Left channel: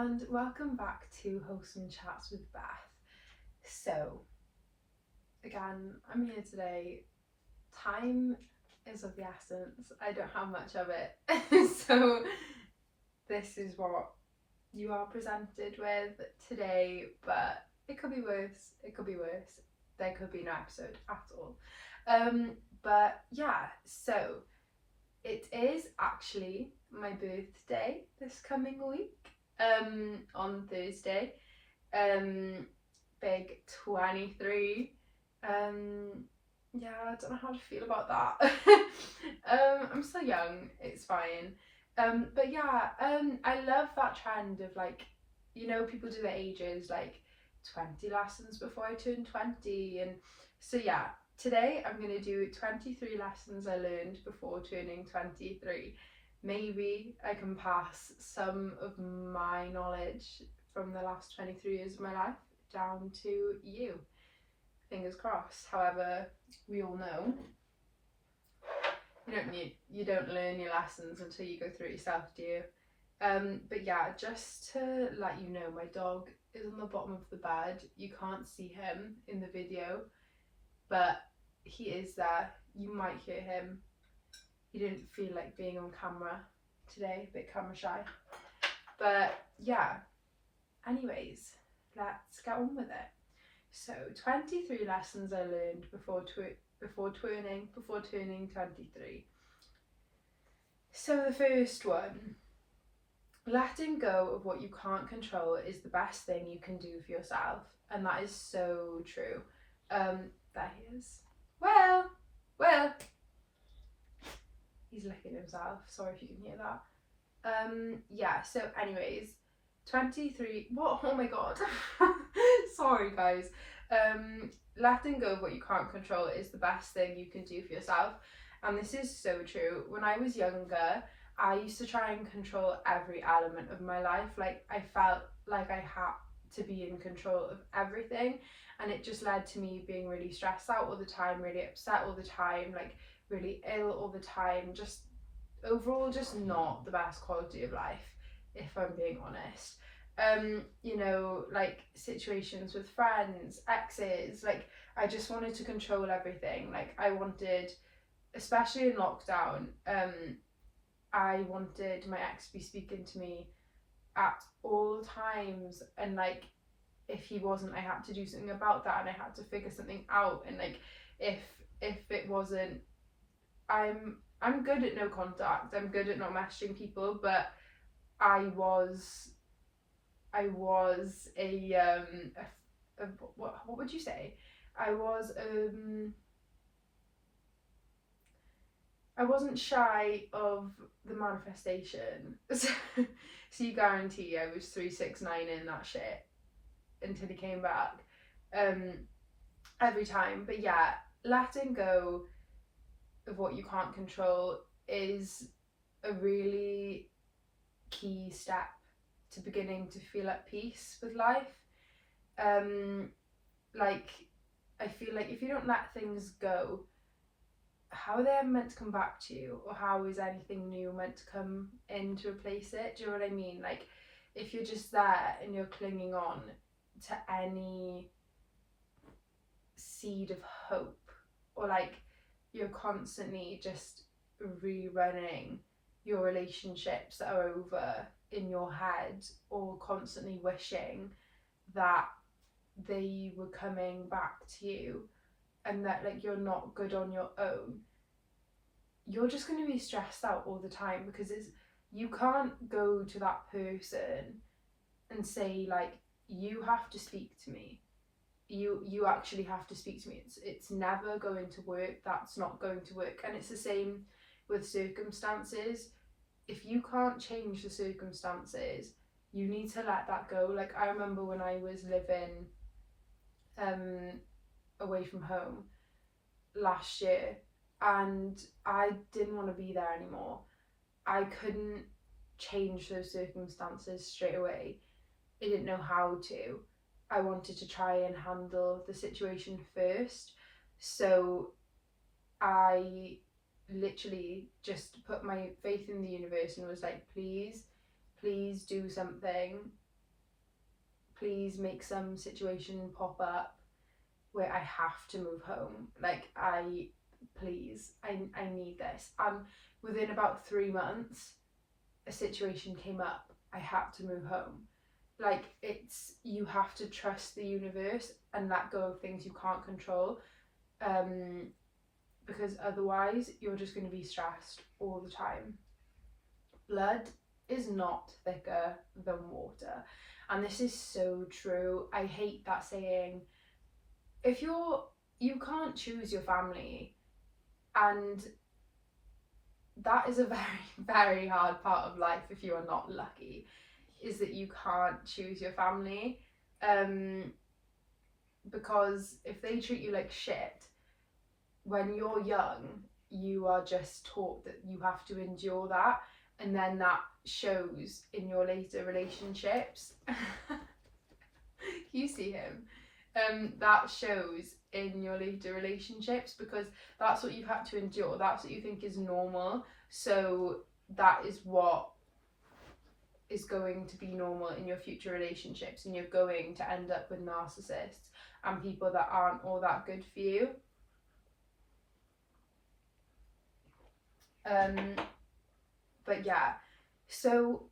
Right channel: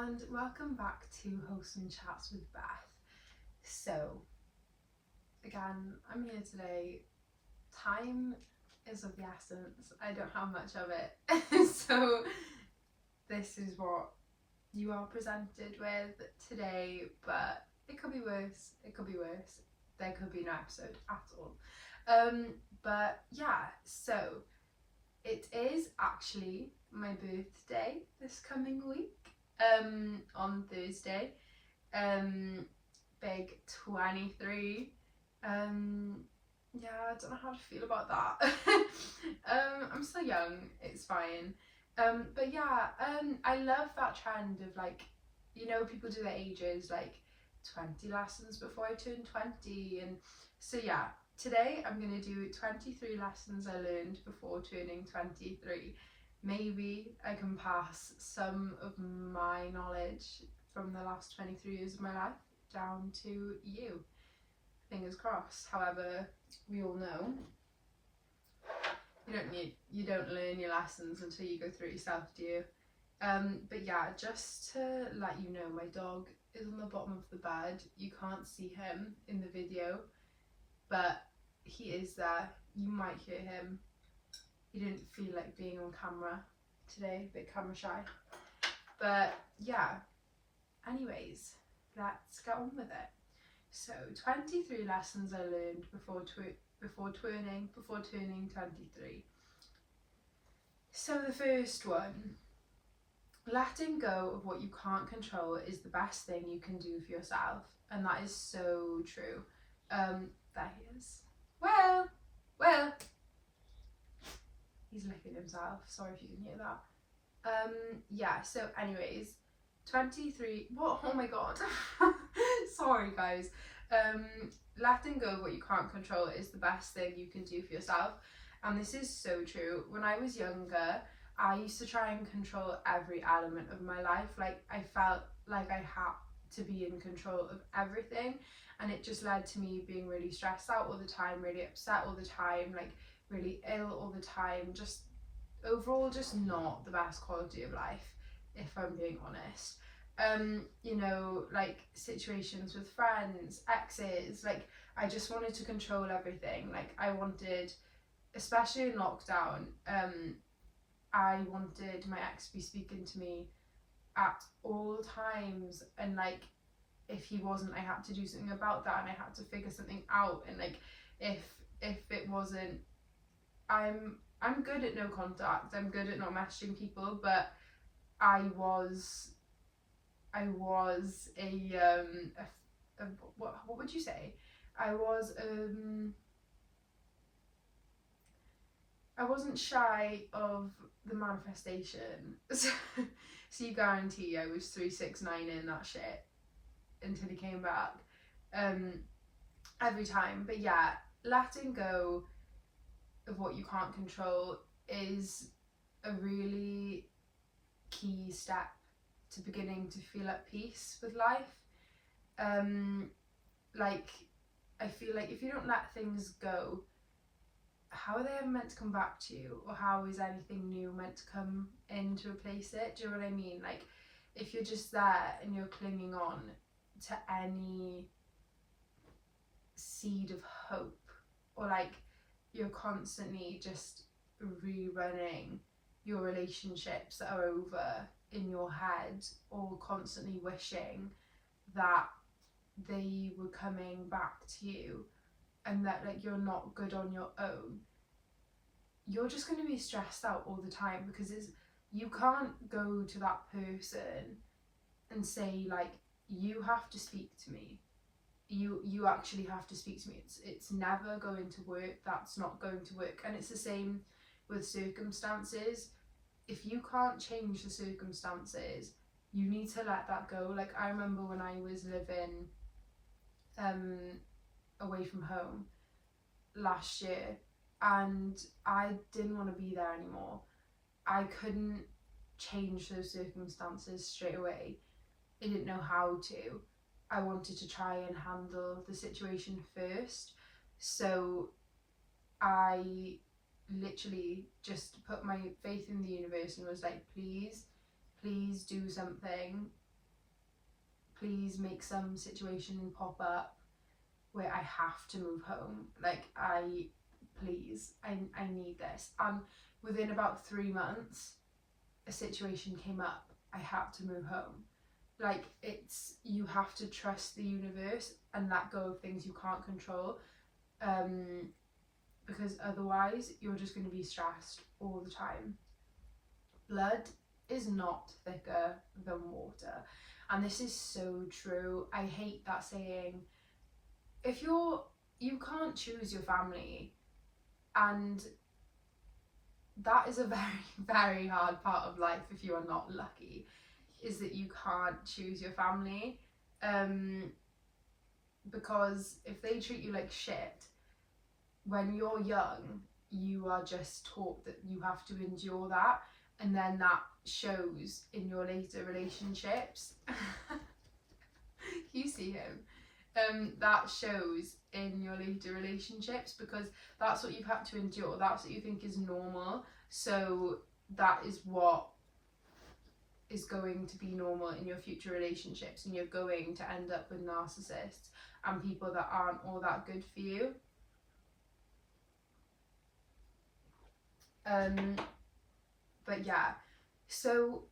and welcome back to Wholesome Chats with Beth. So, again, I'm here today. Time is of the essence. I don't have much of it. So, this is what you are presented with today, but it could be worse. It could be worse. There could be no episode at all. But yeah, so it is actually my birthday this coming week. On Thursday. Big 23. Yeah, I don't know how to feel about that. I'm still young, it's fine. But yeah, I love that trend of people do their ages, like 20 lessons before I turn 20. And so yeah, today I'm going to do 23 lessons I learned before turning 23. Maybe I can pass some of my knowledge from the last 23 years of my life down to you. Fingers crossed. However, we all know you don't learn your lessons until you go through it yourself, do you? But yeah, just to let you know, my dog is on the bottom of the bed. You can't see him in the video, but he is there. You might hear him. He didn't feel like being on camera today, a bit camera shy. But yeah, anyways, let's get on with it. So 23 lessons I learned before turning 23. So the first one, letting go of what you can't control is the best thing you can do for yourself. And that is so true. There he is. Well, he's licking himself. Sorry if you can hear that. Yeah, so anyways, 23, what? Oh my god. Sorry guys. Letting go of what you can't control is the best thing you can do for yourself. And this is so true. When I was younger, I used to try and control every element of my life. Like, I felt like I had to be in control of everything, and it just led to me being really stressed out all the time, really upset all the time, like really ill all the time, just overall just not the best quality of life, if I'm being honest. Like situations with friends, exes, like I just wanted to control everything. Like I wanted, especially in lockdown, I wanted my ex to be speaking to me at all times, and like if he wasn't, I had to do something about that, and I had to figure something out. And like if it wasn't, I'm good at no contact, I'm good at not messaging people, but I was what would you say? I wasn't shy of the manifestation. So you guarantee I was 369 in that shit until he came back. Every time. But yeah, letting go of what you can't control is a really key step to beginning to feel at peace with life. Like I feel like if you don't let things go, how are they ever meant to come back to you, or how is anything new meant to come in to replace it? Do you know what I mean? Like if you're just there and you're clinging on to any seed of hope, or like you're constantly just rerunning your relationships that are over in your head, or constantly wishing that they were coming back to you, and that like you're not good on your own, you're just going to be stressed out all the time, because you can't go to that person and say like, you have to speak to me, you actually have to speak to me. It's never going to work. That's not going to work. And it's the same with circumstances. If you can't change the circumstances, you need to let that go. Like I remember when I was living away from home last year, and I didn't want to be there anymore. I couldn't change those circumstances straight away. I didn't know how to. I wanted to try and handle the situation first. So I literally just put my faith in the universe and was like, please do something. please make some situation pop up where I have to move home. Like, please, I need this. And within about 3 months, a situation came up. I had to move home. Like, you have to trust the universe and let go of things you can't control. Because otherwise you're just going to be stressed all the time. Blood is not thicker than water. And this is so true. I hate that saying. If you can't choose your family, and that is a very, very hard part of life if you are not lucky, is that you can't choose your family. Because if they treat you like shit, when you're young, you are just taught that you have to endure that, and then that shows in your later relationships. You see him? That shows in your later relationships, because that's what you've had to endure, that's what you think is normal, so that is what is going to be normal in your future relationships, and you're going to end up with narcissists and people that aren't all that good for you. But yeah, so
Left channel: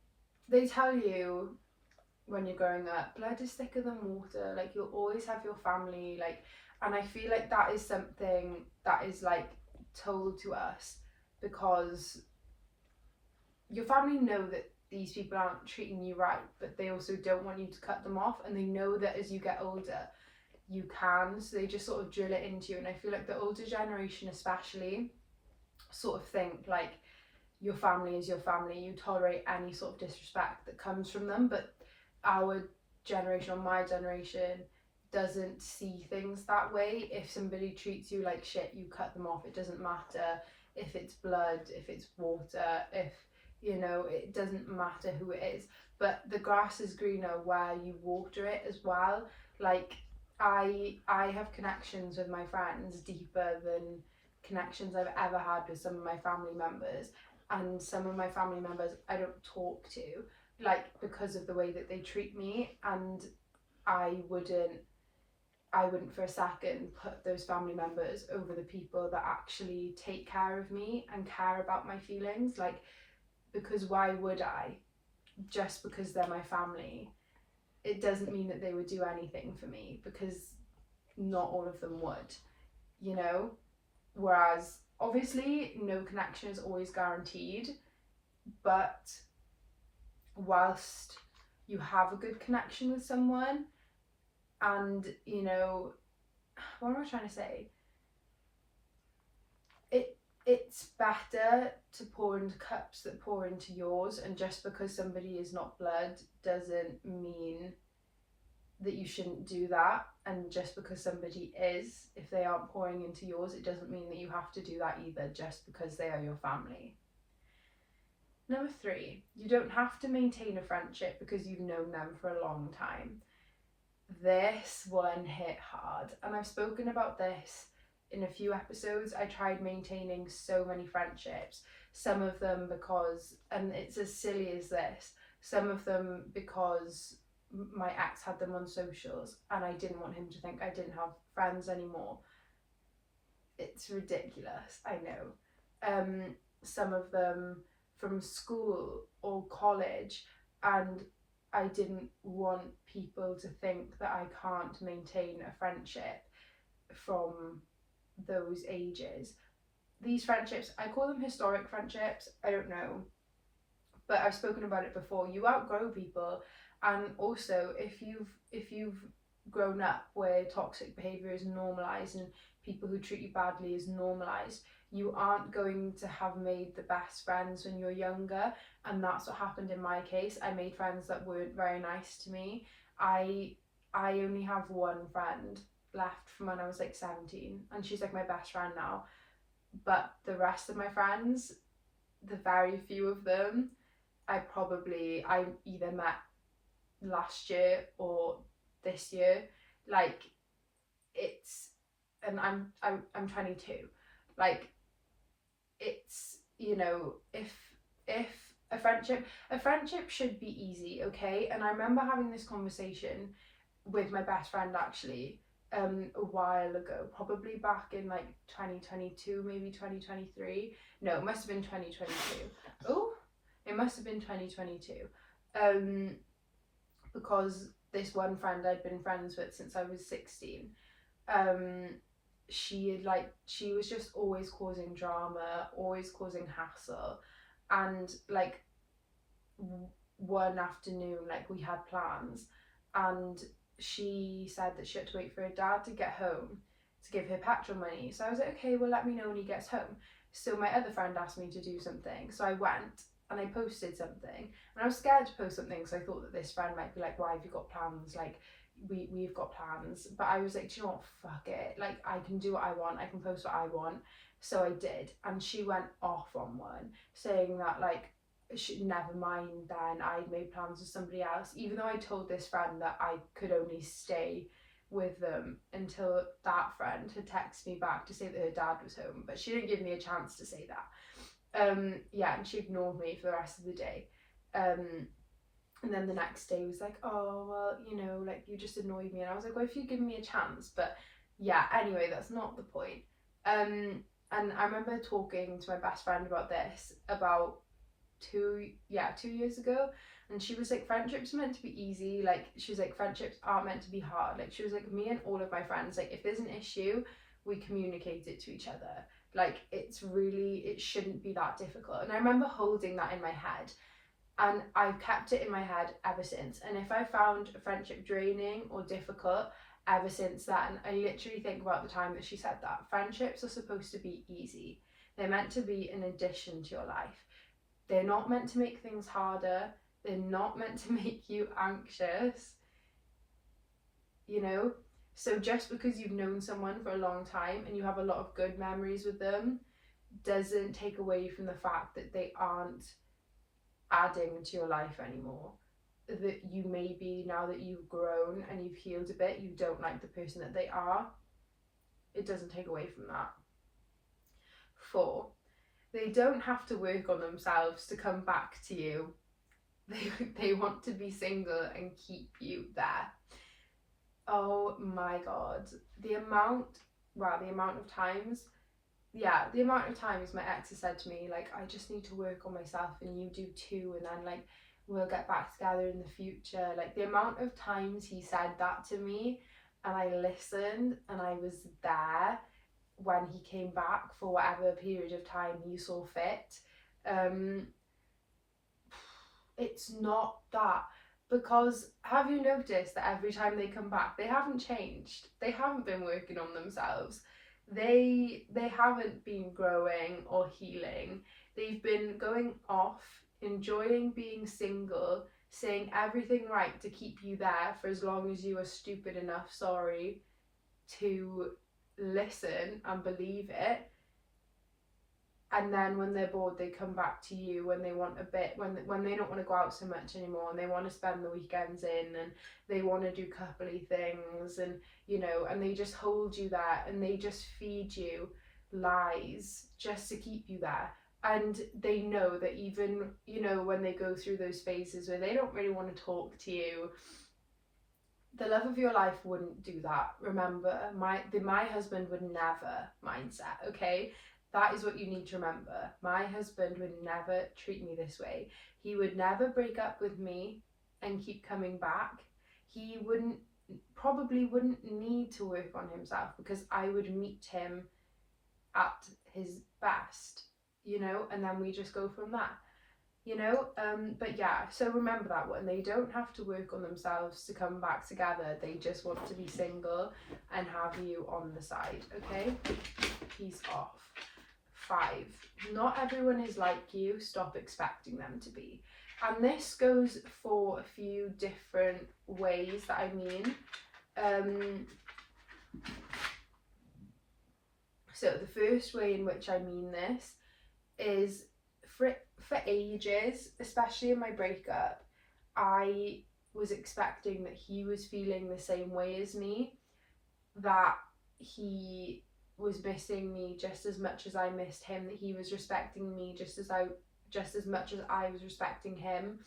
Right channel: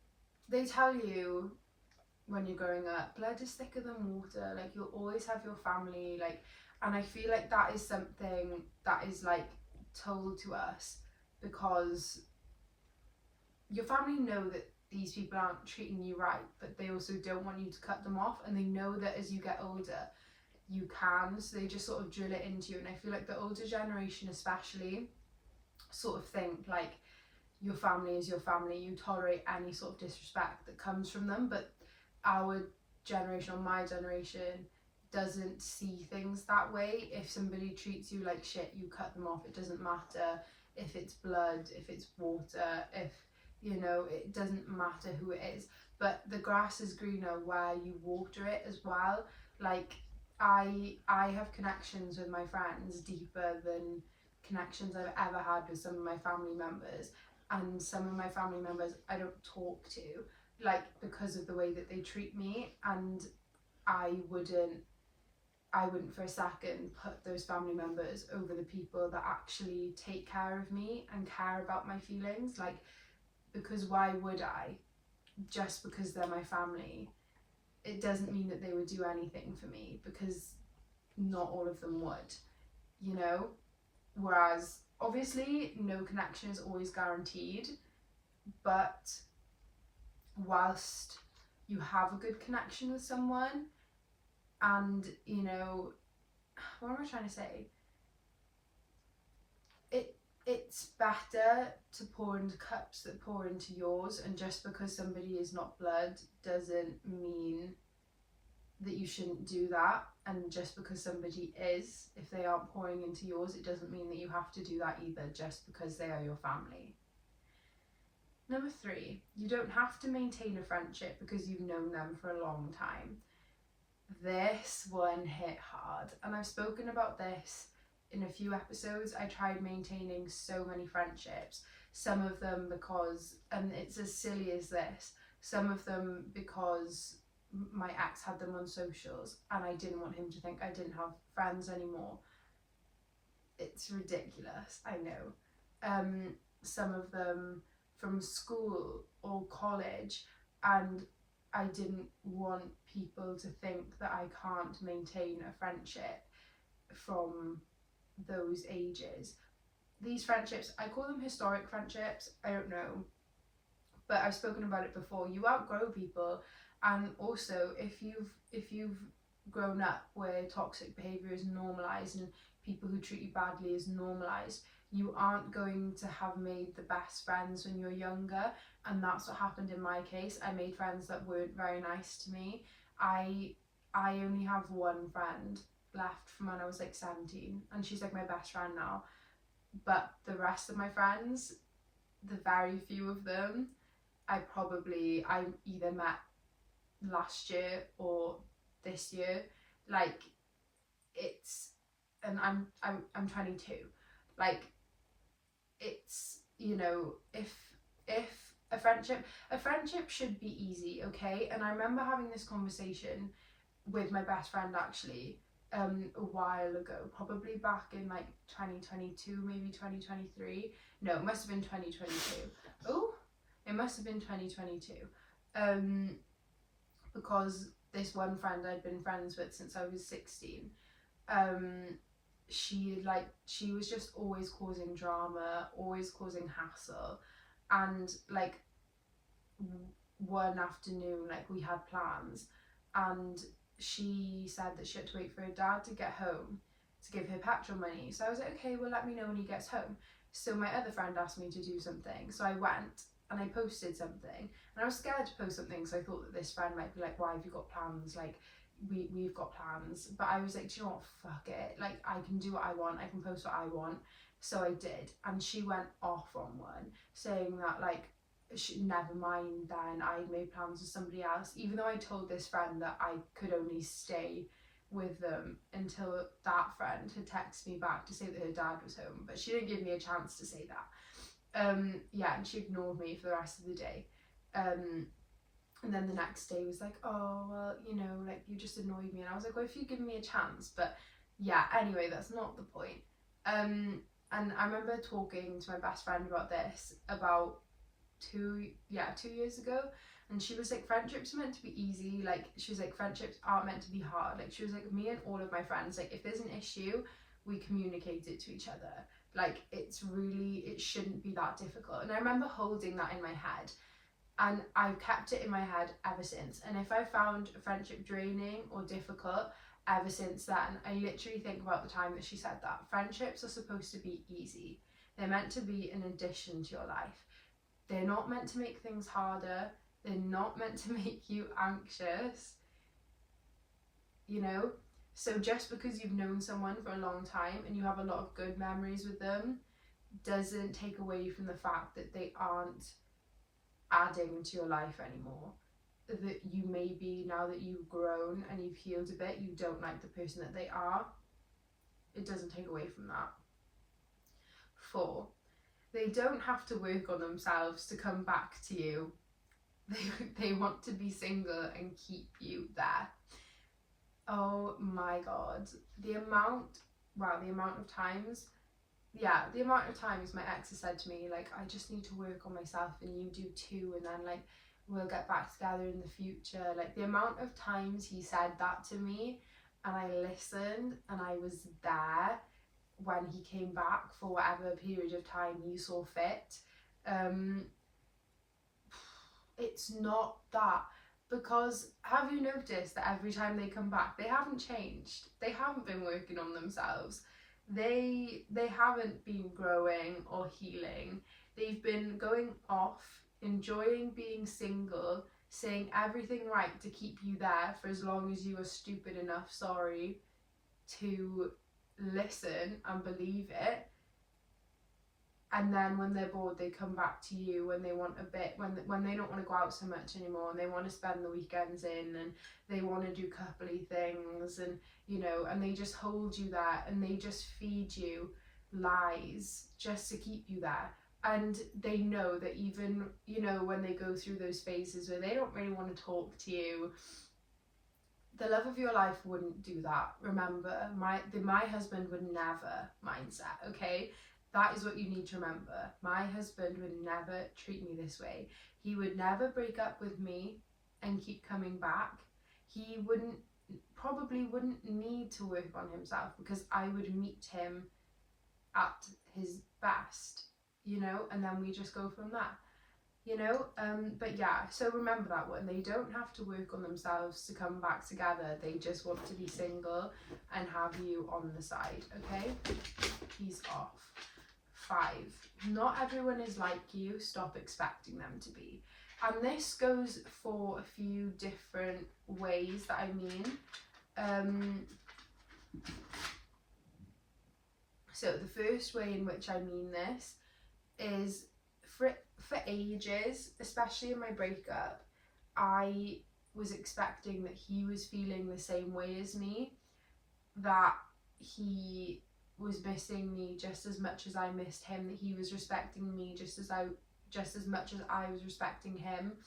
they tell you when you're growing up, blood is thicker than water, like you'll always have your family, like, and I feel like that is something that is like told to us because your family know that these people aren't treating you right, but they also don't want you to cut them off, and they know that as you get older you can, so they just sort of drill it into you. And I feel like the older generation especially sort of think like your family is your family, you tolerate any sort of disrespect that comes from them, but our generation, or my generation, doesn't see things that way. If somebody treats you like shit, you cut them off. It doesn't matter if it's blood, if it's water, if, you know, it doesn't matter who it is. But the grass is greener where you water it as well. Like, I have connections with my friends deeper than connections I've ever had with some of my family members, and some of my family members I don't talk to, like, because of the way that they treat me, and I wouldn't for a second put those family members over the people that actually take care of me and care about my feelings. Like, because why would I? Just because they're my family, it doesn't mean that they would do anything for me, because not all of them would, you know? Whereas obviously no connection is always guaranteed, but whilst you have a good connection with someone, and, you know, what am I trying to say? It's better to pour into cups that pour into yours, and just because somebody is not blood doesn't mean that you shouldn't do that, and just because somebody is, if they aren't pouring into yours, it doesn't mean that you have to do that either, just because they are your family. Number 3, you don't have to maintain a friendship because you've known them for a long time. This one hit hard, and I've spoken about this in a few episodes. I tried maintaining so many friendships, some of them because, and it's as silly as this, some of them because my ex had them on socials and I didn't want him to think I didn't have friends anymore. It's ridiculous, I know. Some of them from school or college, and I didn't want people to think that I can't maintain a friendship from those ages. These friendships, I call them historic friendships, I don't know, but I've spoken about it before. You outgrow people, and also if you've grown up where toxic behaviour is normalised and people who treat you badly is normalised, you aren't going to have made the best friends when you're younger, and that's what happened in my case. I made friends that weren't very nice to me. I only have one friend left from when I was like 17, and she's like my best friend now, but the rest of my friends, the very few of them, I either met last year or this year. Like, it's, and I'm 22. Like, it's, you know, if A friendship should be easy, okay? And I remember having this conversation with my best friend actually a while ago, probably back in like 2022, maybe 2023. No, it must have been 2022. Oh, it must have been 2022. Because this one friend I'd been friends with since I was 16, she was just always causing drama, always causing hassle. And like one afternoon, like we had plans, and she said that she had to wait for her dad to get home to give her petrol money. So I was like, okay, well, let me know when he gets home. So my other friend asked me to do something, so I went and I posted something, and I was scared to post something because I thought that this friend might be like, why have you got plans, like we've got plans. But I was like, do you know what, fuck it, like I can do what I want, I can post what I want. So I did, and she went off on one saying that like never mind, then I'd made plans with somebody else, even though I told this friend that I could only stay with them until that friend had texted me back to say that her dad was home. But she didn't give me a chance to say that. Yeah, and she ignored me for the rest of the day. And then the next day was like, oh, well, you know, like you just annoyed me. And I was like, well, if you give me a chance. But yeah, anyway, that's not the point. And I remember talking to my best friend about this about 2 years ago, and she was like, friendships are meant to be easy. Like she was like, friendships aren't meant to be hard. Like she was like, me and all of my friends, like if there's an issue, we communicate it to each other. Like it shouldn't be that difficult. And I remember holding that in my head, and I've kept it in my head ever since. And if I found a friendship draining or difficult ever since then, I literally think about the time that she said that. Friendships are supposed to be easy. They're meant to be an addition to your life. They're not meant to make things harder. They're not meant to make you anxious, you know? So just because you've known someone for a long time and you have a lot of good memories with them doesn't take away from the fact that they aren't adding to your life anymore. That you maybe, now that you've grown and you've healed a bit, you don't like the person that they are. It doesn't take away from that. 4, they don't have to work on themselves to come back to you. They want to be single and keep you there. Oh my god. The amount of times my ex has said to me, like, I just need to work on myself and you do too, and then like we'll get back together in the future. Like the amount of times he said that to me and I listened and I was there when he came back for whatever period of time he saw fit. It's not that, because have you noticed that every time they come back they haven't changed, they haven't been working on themselves, they haven't been growing or healing, they've been going off, enjoying being single, saying everything right to keep you there for as long as you are stupid enough, sorry, to listen and believe it. And then when they're bored they come back to you when they want a bit, when they don't want to go out so much anymore and they want to spend the weekends in and they want to do coupley things, and you know, and they just hold you there and they just feed you lies just to keep you there. And they know that even, you know, when they go through those phases where they don't really want to talk to you, the love of your life wouldn't do that. Remember, my husband would never mindset, okay? That is what you need to remember. My husband would never treat me this way. He would never break up with me and keep coming back. He probably wouldn't need to work on himself because I would meet him at his best, you know, and then we just go from there. You know, but yeah, so remember that one. They don't have to work on themselves to come back together. They just want to be single and have you on the side, okay? Peace off. 5, not everyone is like you. Stop expecting them to be. And this goes for a few different ways that I mean. So the first way in which I mean this is for ages, especially in my breakup, I was expecting that he was feeling the same way as me, that he was missing me just as much as I missed him, that he was respecting me just as I just as much as I was respecting him.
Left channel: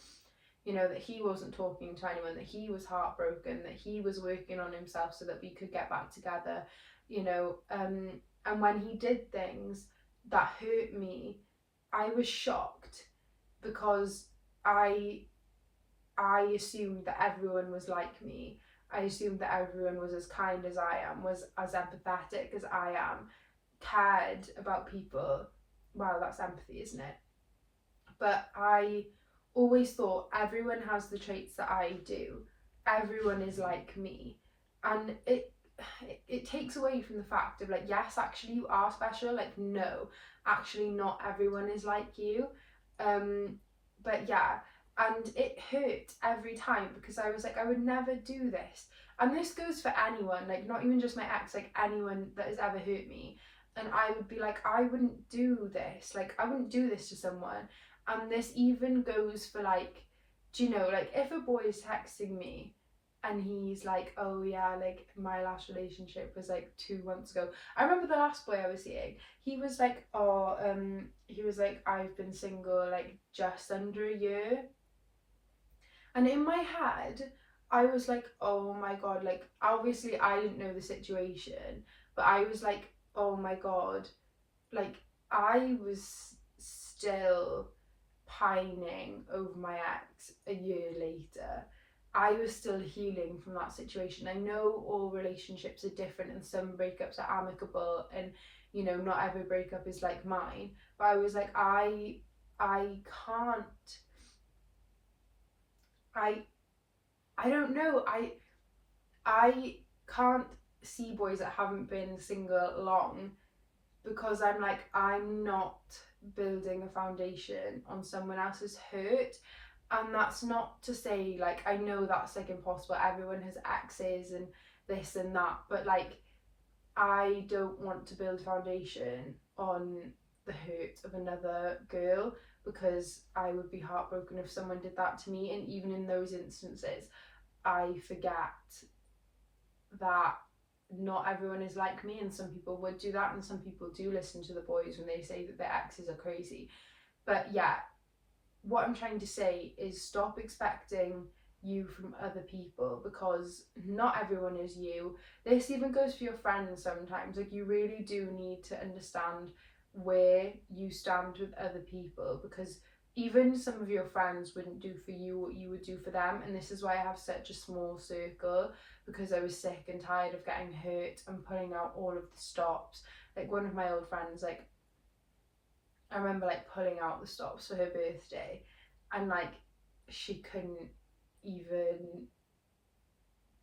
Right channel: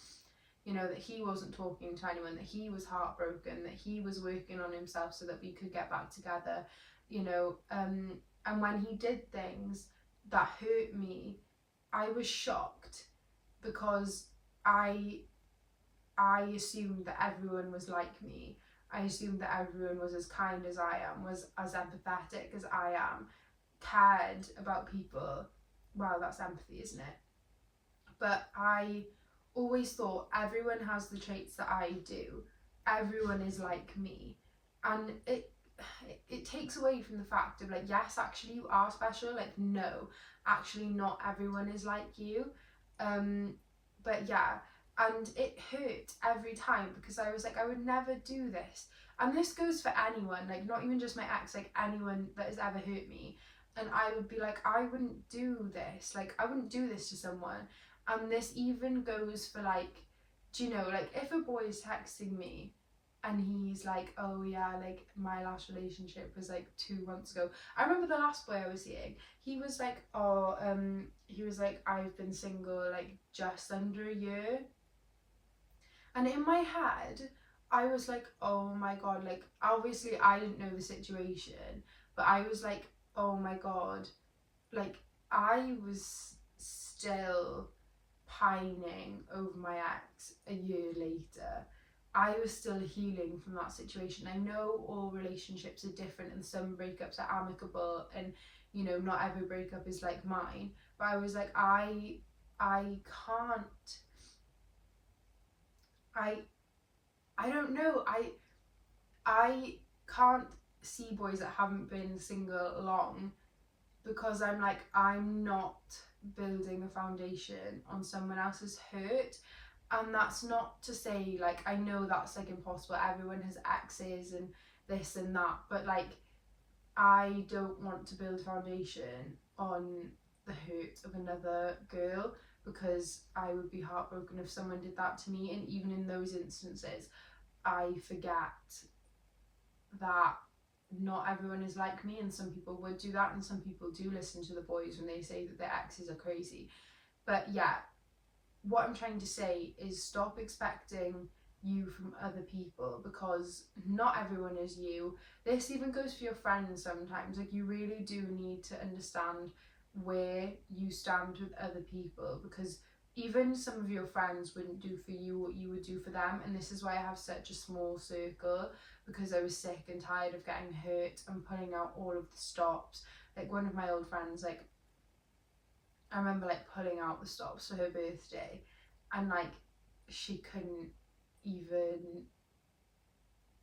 You know, that he wasn't talking to anyone, that he was heartbroken, that he was working on himself so that we could get back together, you know. And when he did things that hurt me, I was shocked, because I assumed that everyone was like me. I assumed that everyone was as kind as I am, was as empathetic as I am, cared about people. Well, that's empathy, isn't it? But I always thought everyone has the traits that I do. Everyone is like me. And it takes away from the fact of like, yes, actually you are special. Like, no, actually not everyone is like you. But yeah, and it hurt every time, because I was like, I would never do this. And this goes for anyone, like not even just my ex, like anyone that has ever hurt me. And I would be like, I wouldn't do this. Like, I wouldn't do this to someone. And this even goes for like, do you know, like if a boy is texting me and he's like, oh yeah, like my last relationship was like 2 months ago. I remember the last boy I was seeing, he was like, oh, he was like, I've been single like just under a year. And in my head, I was like, oh my God, like obviously I didn't know the situation, but I was like, oh my God, like I was still pining over my ex a year later. I was still healing from that situation. I know all relationships are different and some breakups are amicable, and you know, not every breakup is like mine. But I was like, I can't I I don't know. I can't see boys that haven't been single long, because I'm like, I'm not building a foundation on someone else's hurt. And that's not to say like, I know that's like impossible, everyone has exes and this and that, but like I don't want to build a foundation on the hurt of another girl, because I would be heartbroken if someone did that to me. And even in those instances, I forget that not everyone is like me, and some people would do that, and some people do listen to the boys when they say that their exes are crazy. But yeah, what I'm trying to say is stop expecting you from other people, because not everyone is you. This even goes for your friends sometimes. Like, you really do need to understand where you stand with other people, because even some of your friends wouldn't do for you what you would do for them. And this is why I have such a small circle, because I was sick and tired of getting hurt and pulling out all of the stops. Like, one of my old friends, like I remember like pulling out the stops for her birthday, and like she couldn't even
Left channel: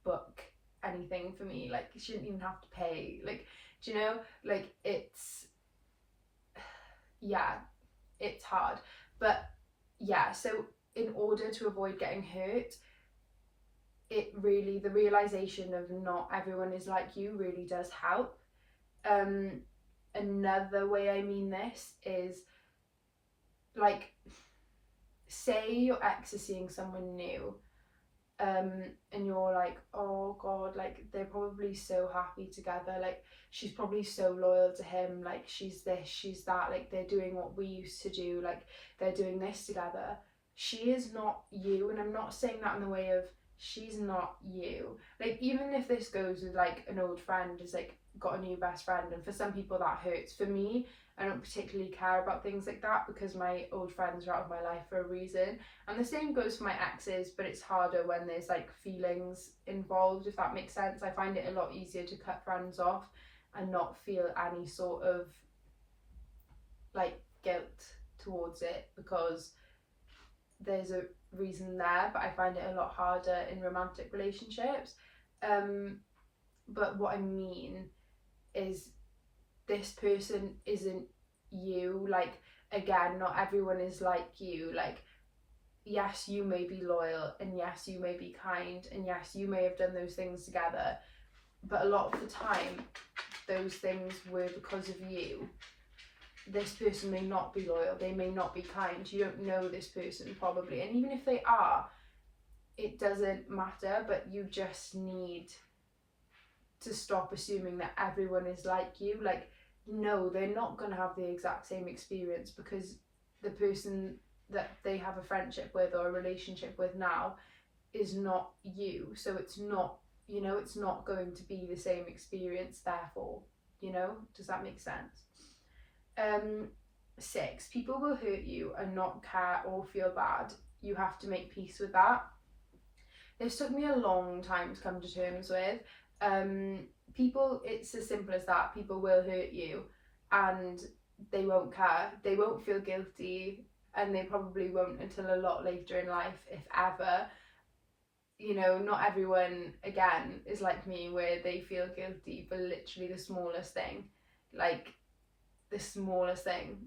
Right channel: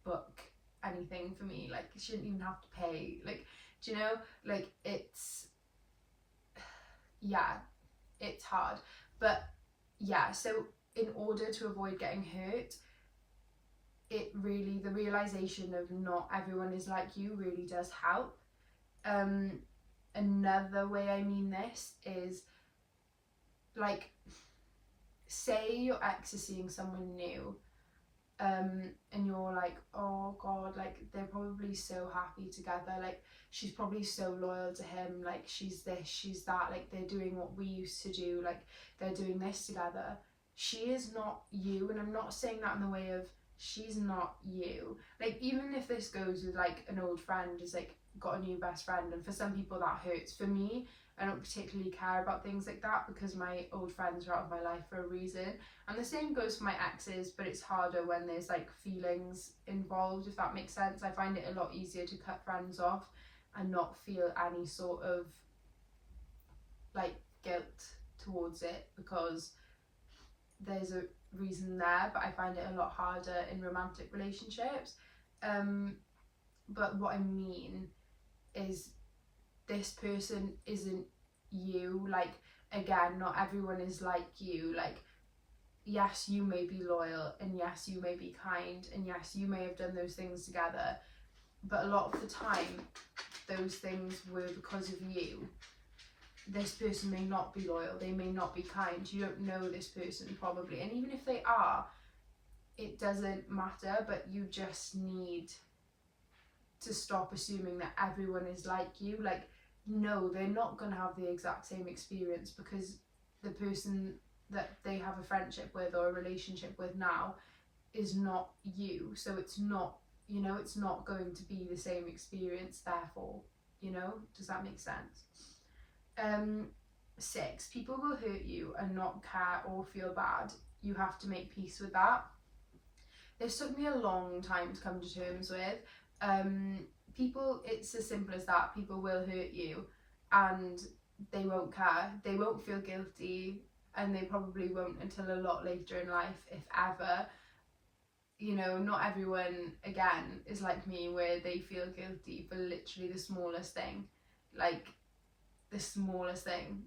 book anything for me. Like, she didn't even have to pay. Like, do you know, like it's, yeah, it's hard. But yeah, so in order to avoid getting hurt, it really, the realization of not everyone is like you really does help. Another way I mean this is, like, say your ex is seeing someone new, and you're like, oh God, like they're probably so happy together, like she's probably so loyal to him, like she's this, she's that, like they're doing what we used to do, like they're doing this together. She is not you. And I'm not saying that in the way of she's not you. Like, even if this goes with like an old friend is like got a new best friend, and for some people that hurts. For me, I don't particularly care about things like that, because my old friends are out of my life for a reason. And the same goes for my exes, but it's harder when there's like feelings involved, if that makes sense. I find it a lot easier to cut friends off and not feel any sort of like guilt towards it, because there's a reason there. But I find it a lot harder in romantic relationships. But what I mean is, this person isn't you. Like, again, not everyone is like you. Like, yes, you may be loyal, and yes, you may be kind, and yes, you may have done those things together, but a lot of the time those things were because of you. This person may not be loyal, they may not be kind, you don't know this person probably, and even if they are, it doesn't matter. But you just need to stop assuming that everyone is like you. Like, no, they're not going to have the exact same experience, because the person that they have a friendship with or a relationship with now is not you. So it's not, you know, it's not going to be the same experience, therefore, you know, does that make sense? 6, people will hurt you and not care or feel bad. You have to make peace with that. This took me a long time to come to terms with. People, it's as simple as that. People will hurt you and they won't care. They won't feel guilty, and they probably won't until a lot later in life, if ever. You know, not everyone, again, is like me where they feel guilty for literally the smallest thing. Like, the smallest thing.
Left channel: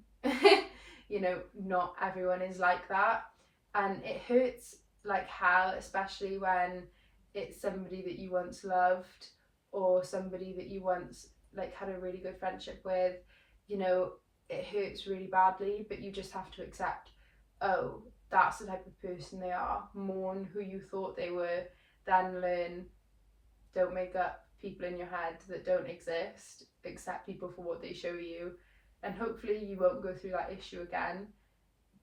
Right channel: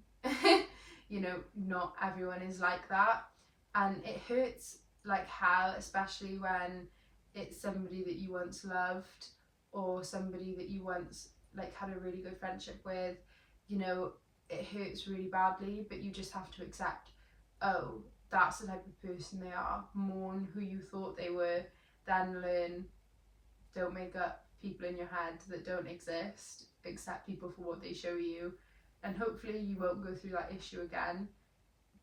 You know, not everyone is like that. And it hurts like hell, especially when it's somebody that you once loved or somebody that you once like had a really good friendship with. You know, it hurts really badly, but you just have to accept, oh, that's the type of person they are. Mourn who you thought they were, then learn. Don't make up people in your head that don't exist. Accept people for what they show you, and hopefully you won't go through that issue again.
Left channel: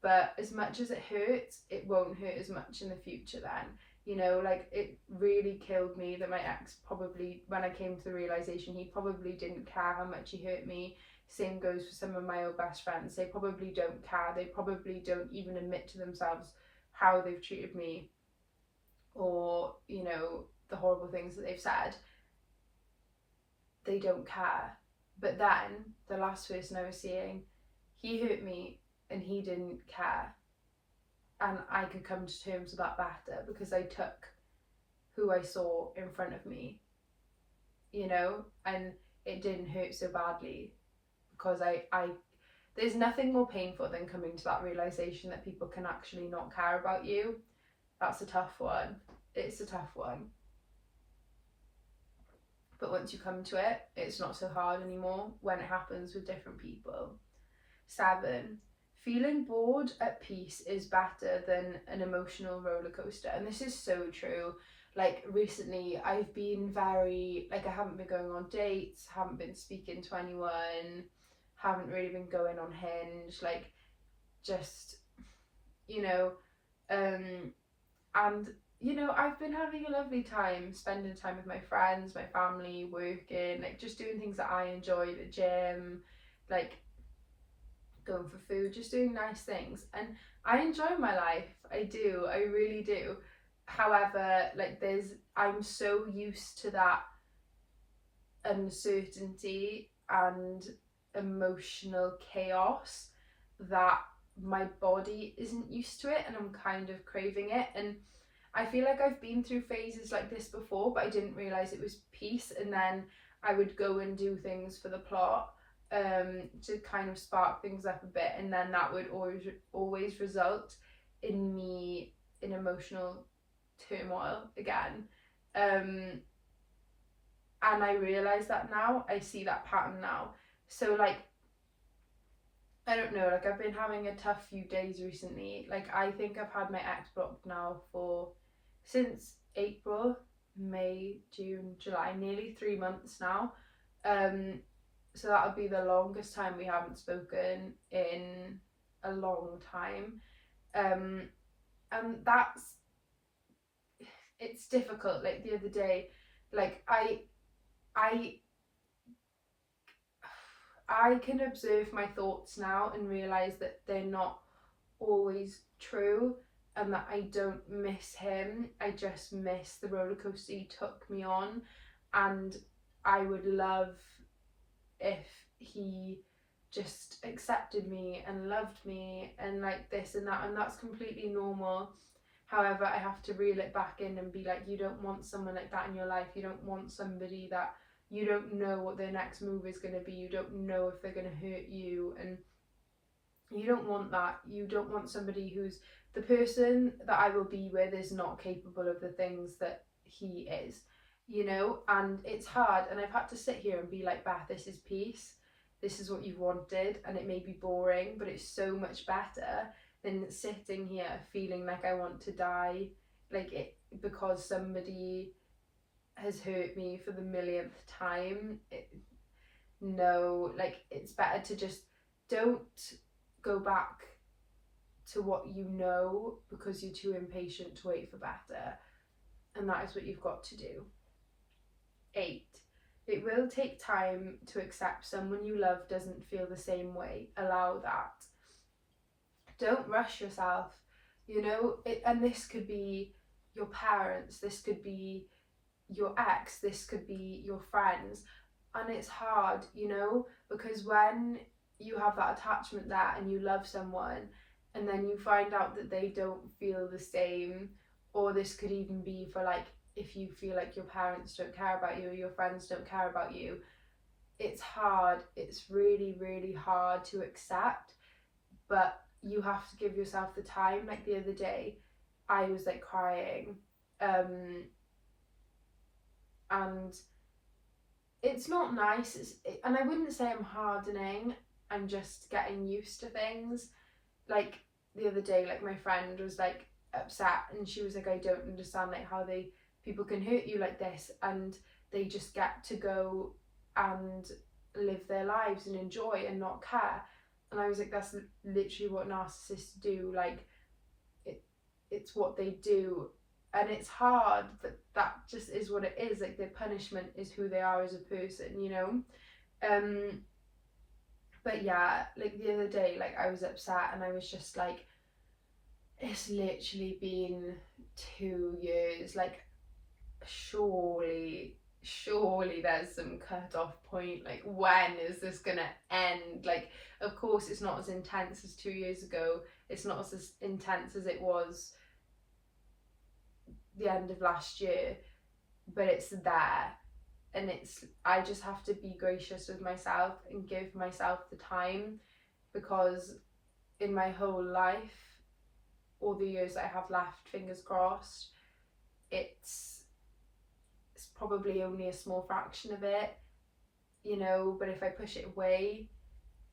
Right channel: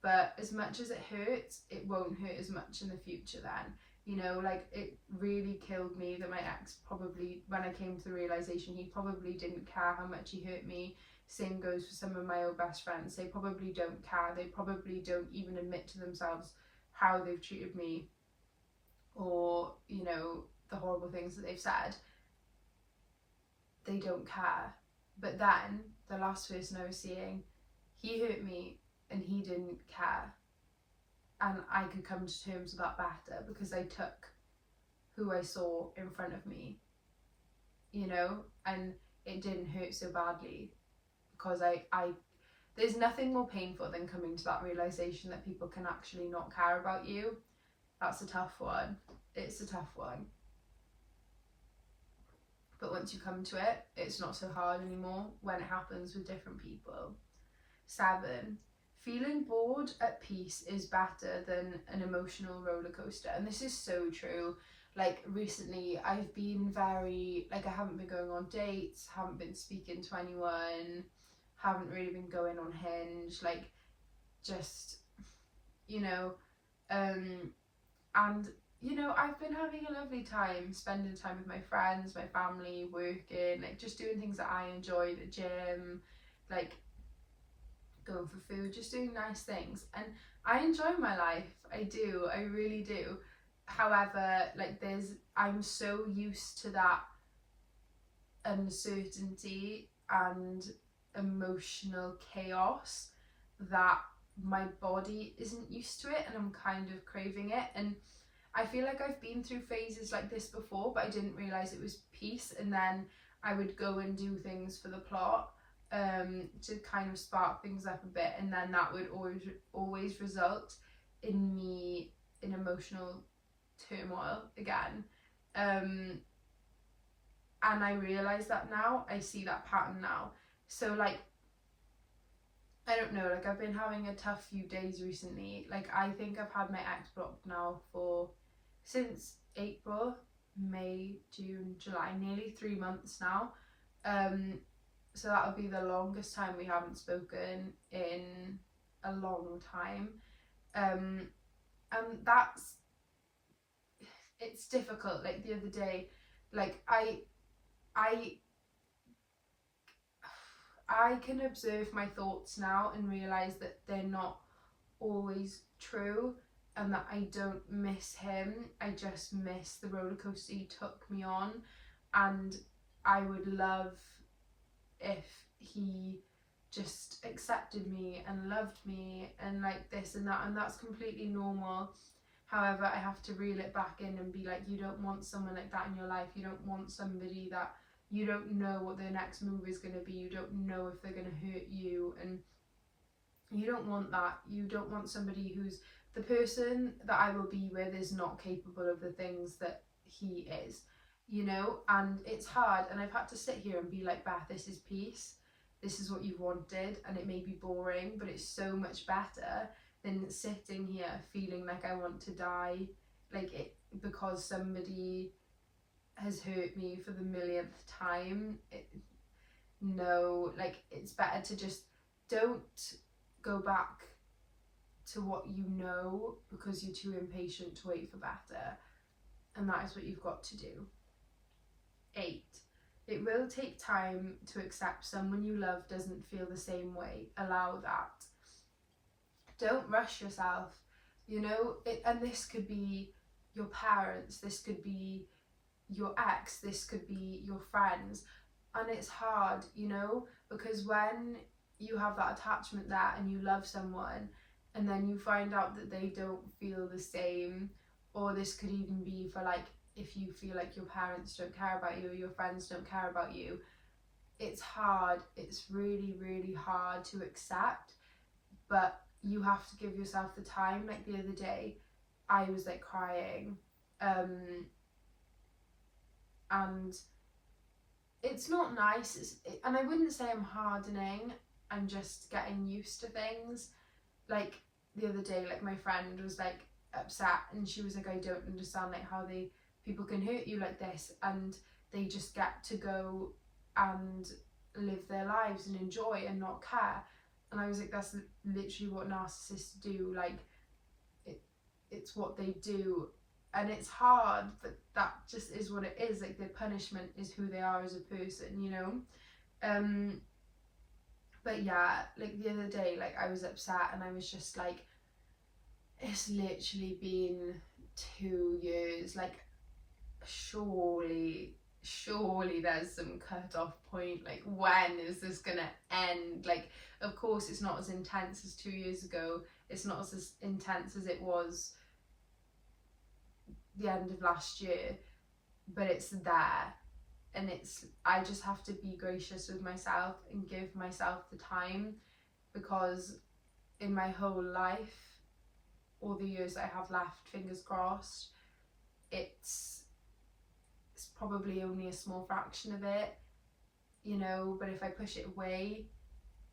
But as much as it hurts, it won't hurt as much in the future then. You know, like, it really killed me that my ex probably, when I came to the realisation, he probably didn't care how much he hurt me. Same goes for some of my old best friends. They probably don't care. They probably don't even admit to themselves how they've treated me, or, you know, the horrible things that they've said. They don't care. But then, the last person I was seeing, he hurt me and he didn't care. And I could come to terms with that better because I took who I saw in front of me, you know, and it didn't hurt so badly because I there's nothing more painful than coming to that realisation that people can actually not care about you. That's a tough one. It's a tough one. But once you come to it, it's not so hard anymore when it happens with different people. 7, feeling bored at peace is better than an emotional roller coaster. And this is so true. Like, recently I've been very, like, I haven't been going on dates, haven't been speaking to anyone, haven't really been going on Hinge, like, just, you know, and you know, I've been having a lovely time spending time with my friends, my family, working, like, just doing things that I enjoy, the gym, like, going for food, just doing nice things. And I enjoy my life. I do. I really do. However, like, I'm so used to that uncertainty and emotional chaos that my body isn't used to it, and I'm kind of craving it. And I feel like I've been through phases like this before, but I didn't realise it was peace, and then I would go and do things for the plot to kind of spark things up a bit, and then that would always result in me in emotional turmoil again. And I realise that now. I see that pattern now. So, like, I don't know, like, I've been having a tough few days recently. Like, I think I've had my ex blocked now since April, May, June, July, nearly 3 months now. So that'll be the longest time we haven't spoken in a long time. And it's difficult. Like, the other day, like, I can observe my thoughts now and realise that they're not always true, and that I don't miss him. I just miss the roller coaster he took me on, and I would love if he just accepted me and loved me and like this and that, and that's completely normal. However, I have to reel it back in and be like, you don't want someone like that in your life. You don't want somebody that you don't know what their next move is going to be. You don't know if they're going to hurt you, and you don't want that. You don't want somebody who's the person that I will be with is not capable of the things that he is, you know. And it's hard, and I've had to sit here and be like, Beth, this is peace, this is what you've wanted, and it may be boring, but it's so much better than sitting here feeling like I want to die, like, it because somebody has hurt me for the millionth time. No, like, it's better to just don't go back to what you know because you're too impatient to wait for better. And that is what you've got to do. 8. It will take time to accept someone you love doesn't feel the same way. Allow that. Don't rush yourself. You know, and this could be your parents, this could be your ex, this could be your friends. And it's hard, you know, because when you have that attachment there and you love someone and then you find out that they don't feel the same, or this could even be for like if you feel like your parents don't care about you or your friends don't care about you, it's hard. It's really, really hard to accept, but you have to give yourself the time. Like the other day, I was like crying, and it's not nice. And I wouldn't say I'm hardening. I'm just getting used to things. Like the other day, like my friend was like upset, and she was like, I don't understand like how people can hurt you like this, and they just get to go and live their lives and enjoy and not care. And I was like, that's literally what narcissists do. Like it's what they do, and it's hard, but that just is what it is. Like their punishment is who they are as a person, you know. But yeah, like the other day, like I was upset and I was just like, it's literally been 2 years. Like surely there's some cut off point. Like when is this gonna end? Like of course it's not as intense as 2 years ago. It's not as intense as it was the end of last year, but it's there. And I just have to be gracious with myself and give myself the time, because in my whole life, all the years that I have left, fingers crossed, it's probably only a small fraction of it, you know. But if I push it away,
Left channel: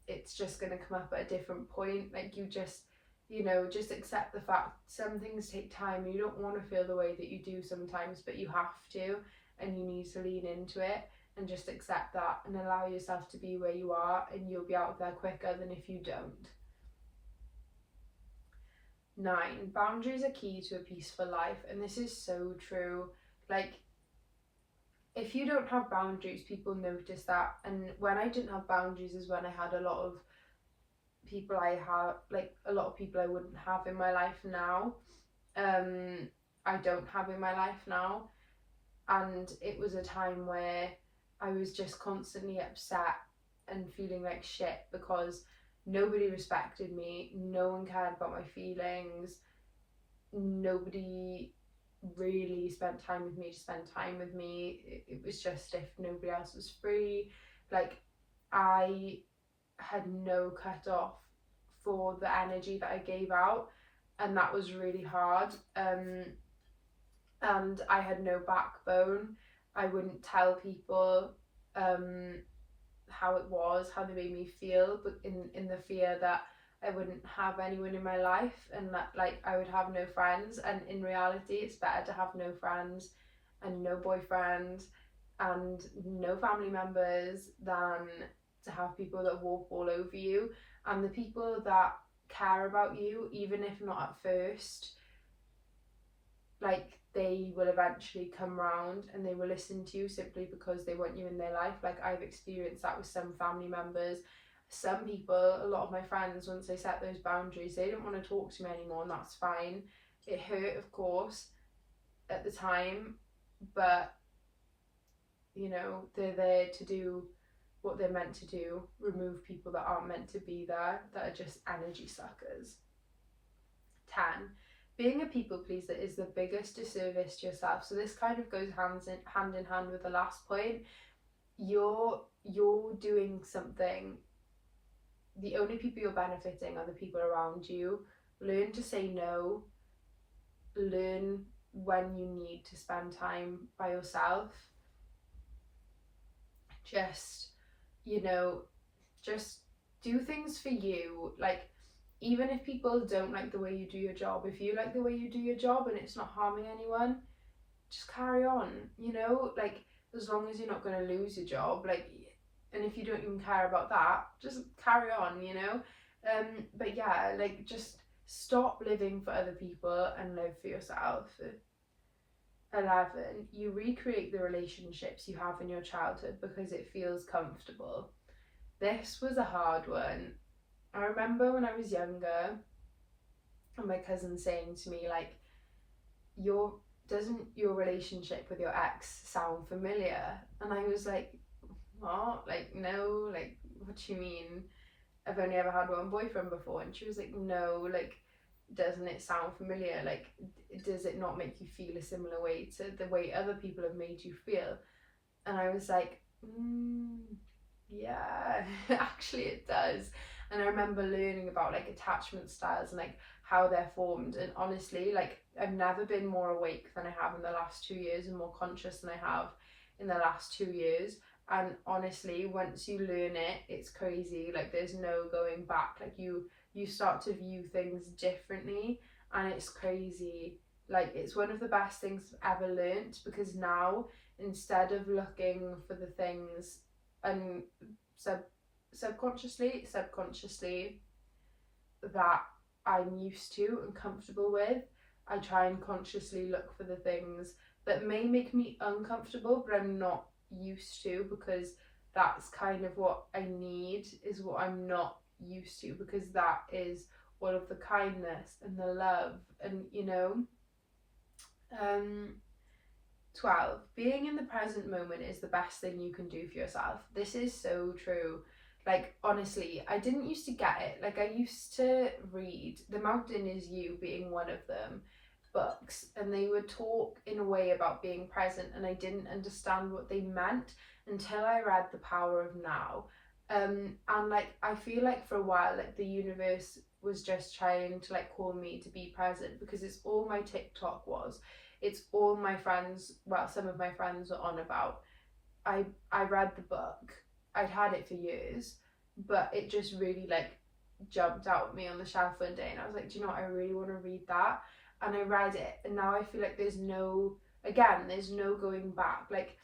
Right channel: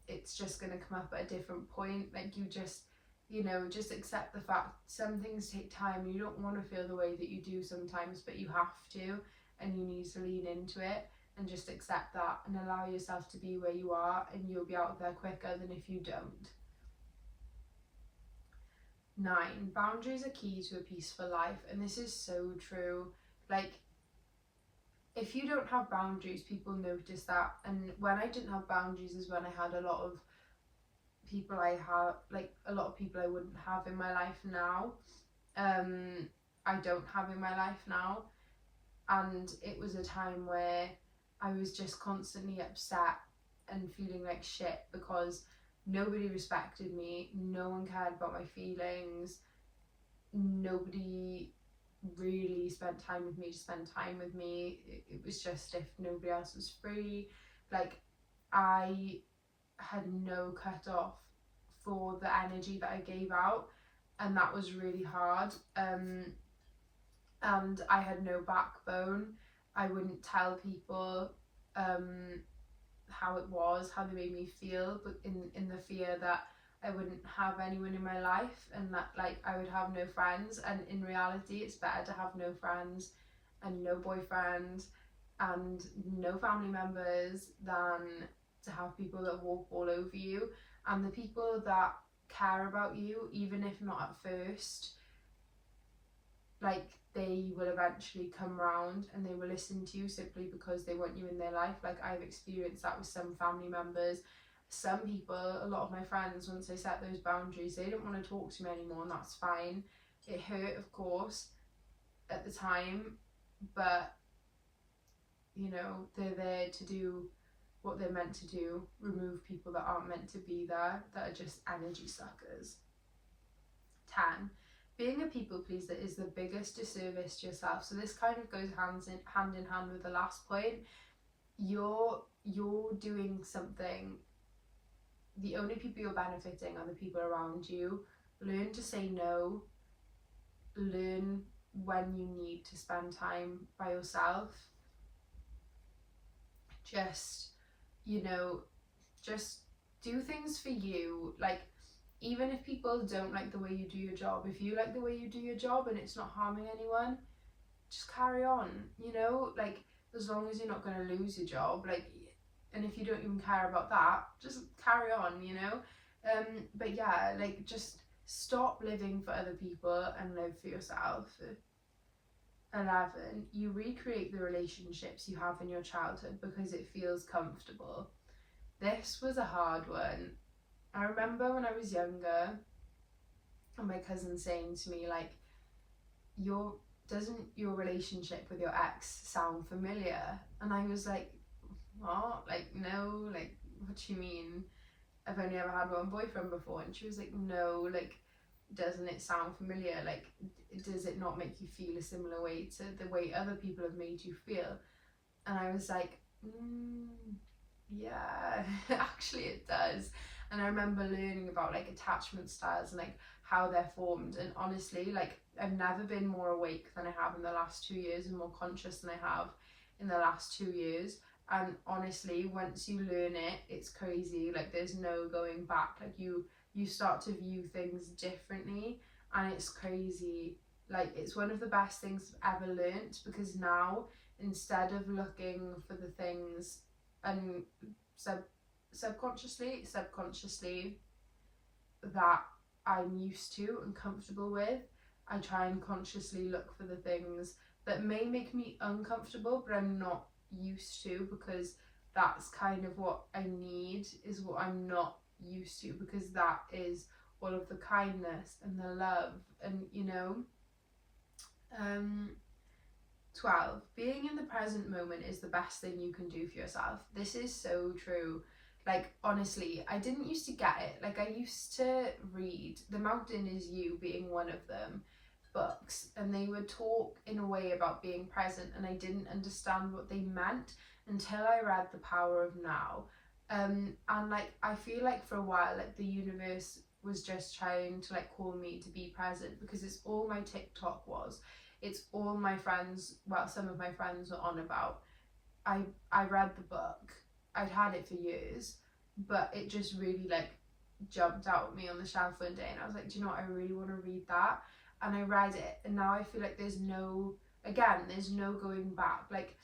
it's just going to come up at a different point. Like you just, you know, just accept the fact some things take time. You don't want to feel the way that you do sometimes, but you have to, and you need to lean into it and just accept that and allow yourself to be where you are, and you'll be out of there quicker than if you don't. 9. Boundaries are key to a peaceful life, and this is so true. Like if you don't have boundaries, people notice that. And when I didn't have boundaries is when I had a lot of people I wouldn't have in my life now. I don't have in my life now. And it was a time where I was just constantly upset and feeling like shit because nobody respected me, no one cared about my feelings, nobody really spent time with me to spend time with me. It was just if nobody else was free. Like I had no cut off for the energy that I gave out, and that was really hard. And I had no backbone. I wouldn't tell people how it was, how they made me feel, but in the fear that I wouldn't have anyone in my life, and that like I would have no friends. And in reality, it's better to have no friends and no boyfriend and no family members than to have people that walk all over you. And the people that care about you, even if not at first, like they will eventually come round and they will listen to you simply because they want you in their life. Like I've experienced that with some family members. Some people, a lot of my friends, once they set those boundaries, they didn't want to talk to me anymore, and that's fine. It hurt, of course, at the time, but you know, they're there to do what they're meant to do, remove people that aren't meant to be there, that are just energy suckers. 10. Being a people pleaser is the biggest disservice to yourself. So this kind of goes hand in hand with the last point. You're doing something. The only people you're benefiting are the people around you. Learn to say no. Learn when you need to spend time by yourself. Just, you know, just do things for you. Like, even if people don't like the way you do your job, if you like the way you do your job and it's not harming anyone, just carry on, you know, like as long as you're not going to lose your job, like, and if you don't even care about that, just carry on, you know. But yeah, like just Stop living for other people and live for yourself. 11, you recreate the relationships you have in your childhood because it feels comfortable. This was a hard one. I remember when I was younger and my cousin saying to me, like, doesn't your relationship with your ex sound familiar? And I was like, what? Like, no, like, what do you mean? I've only ever had one boyfriend before. And she was like, no, like, doesn't it sound familiar? Like, does it not make you feel a similar way to the way other people have made you feel? And I was like, yeah, actually it does. And I remember learning about like attachment styles and like how they're formed. And honestly, like, I've never been more awake than I have in the last 2 years, and more conscious than I have in the last 2 years. And honestly, once you learn it, it's crazy. Like, there's no going back. Like, you start to view things differently, and it's crazy. Like, it's one of the best things I've ever learnt, because now, instead of looking for the things and subconsciously that I'm used to and comfortable with, I try and consciously look for the things that may make me uncomfortable but I'm not used to, because that's kind of what I need, is what I'm not used to, because that is all of the kindness and the love and 12, being in the present moment is the best thing you can do for yourself. This is so true. Like, honestly, I didn't used to get it. Like, I used to read The Mountain Is You, being one of them, books, and they would talk in a way about being present, and I didn't understand what they meant until I read The Power of Now. And like, I feel like for a while, like, the universe was just trying to like call me to be present, because it's all my TikTok was. It's all my friends, well, some of my friends were on about. I read the book. I'd had it for years, but it just really like jumped out at me on the shelf one day, and I was like, do you know what, I really want to read that. And I read it, and now I feel like there's no going back. Like,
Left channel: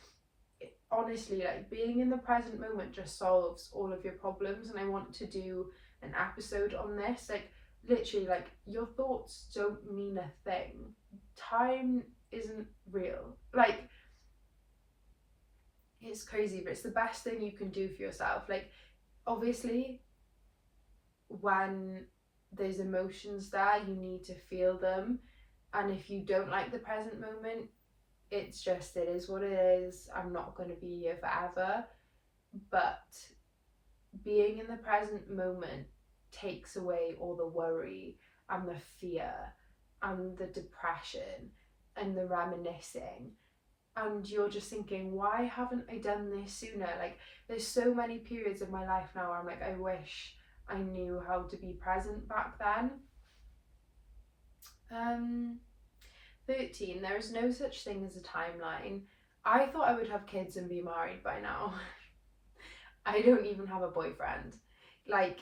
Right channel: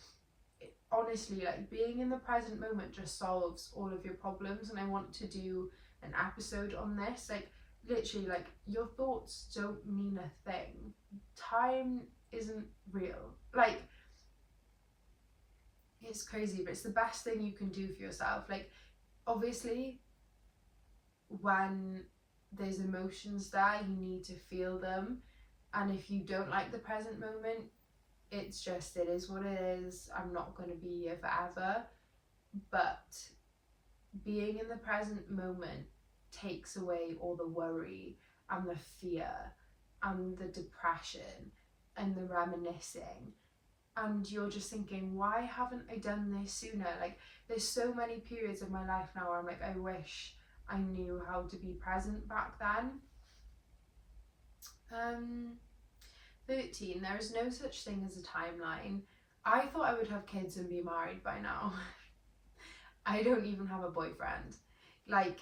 honestly, like, being in the present moment just solves all of your problems. And I want to do an episode on this. Like, literally, like, your thoughts don't mean a thing. Time isn't real. Like, it's crazy, but it's the best thing you can do for yourself. Like, obviously, when there's emotions there, you need to feel them. And if you don't like the present moment, it is what it is. I'm not going to be here forever. But being in the present moment takes away all the worry and the fear and the depression and the reminiscing. And you're just thinking, why haven't I done this sooner? Like, there's so many periods of my life now where I'm like, I wish I knew how to be present back then. 13, there is no such thing as a timeline. I thought I would have kids and be married by now. I don't even have a boyfriend. Like,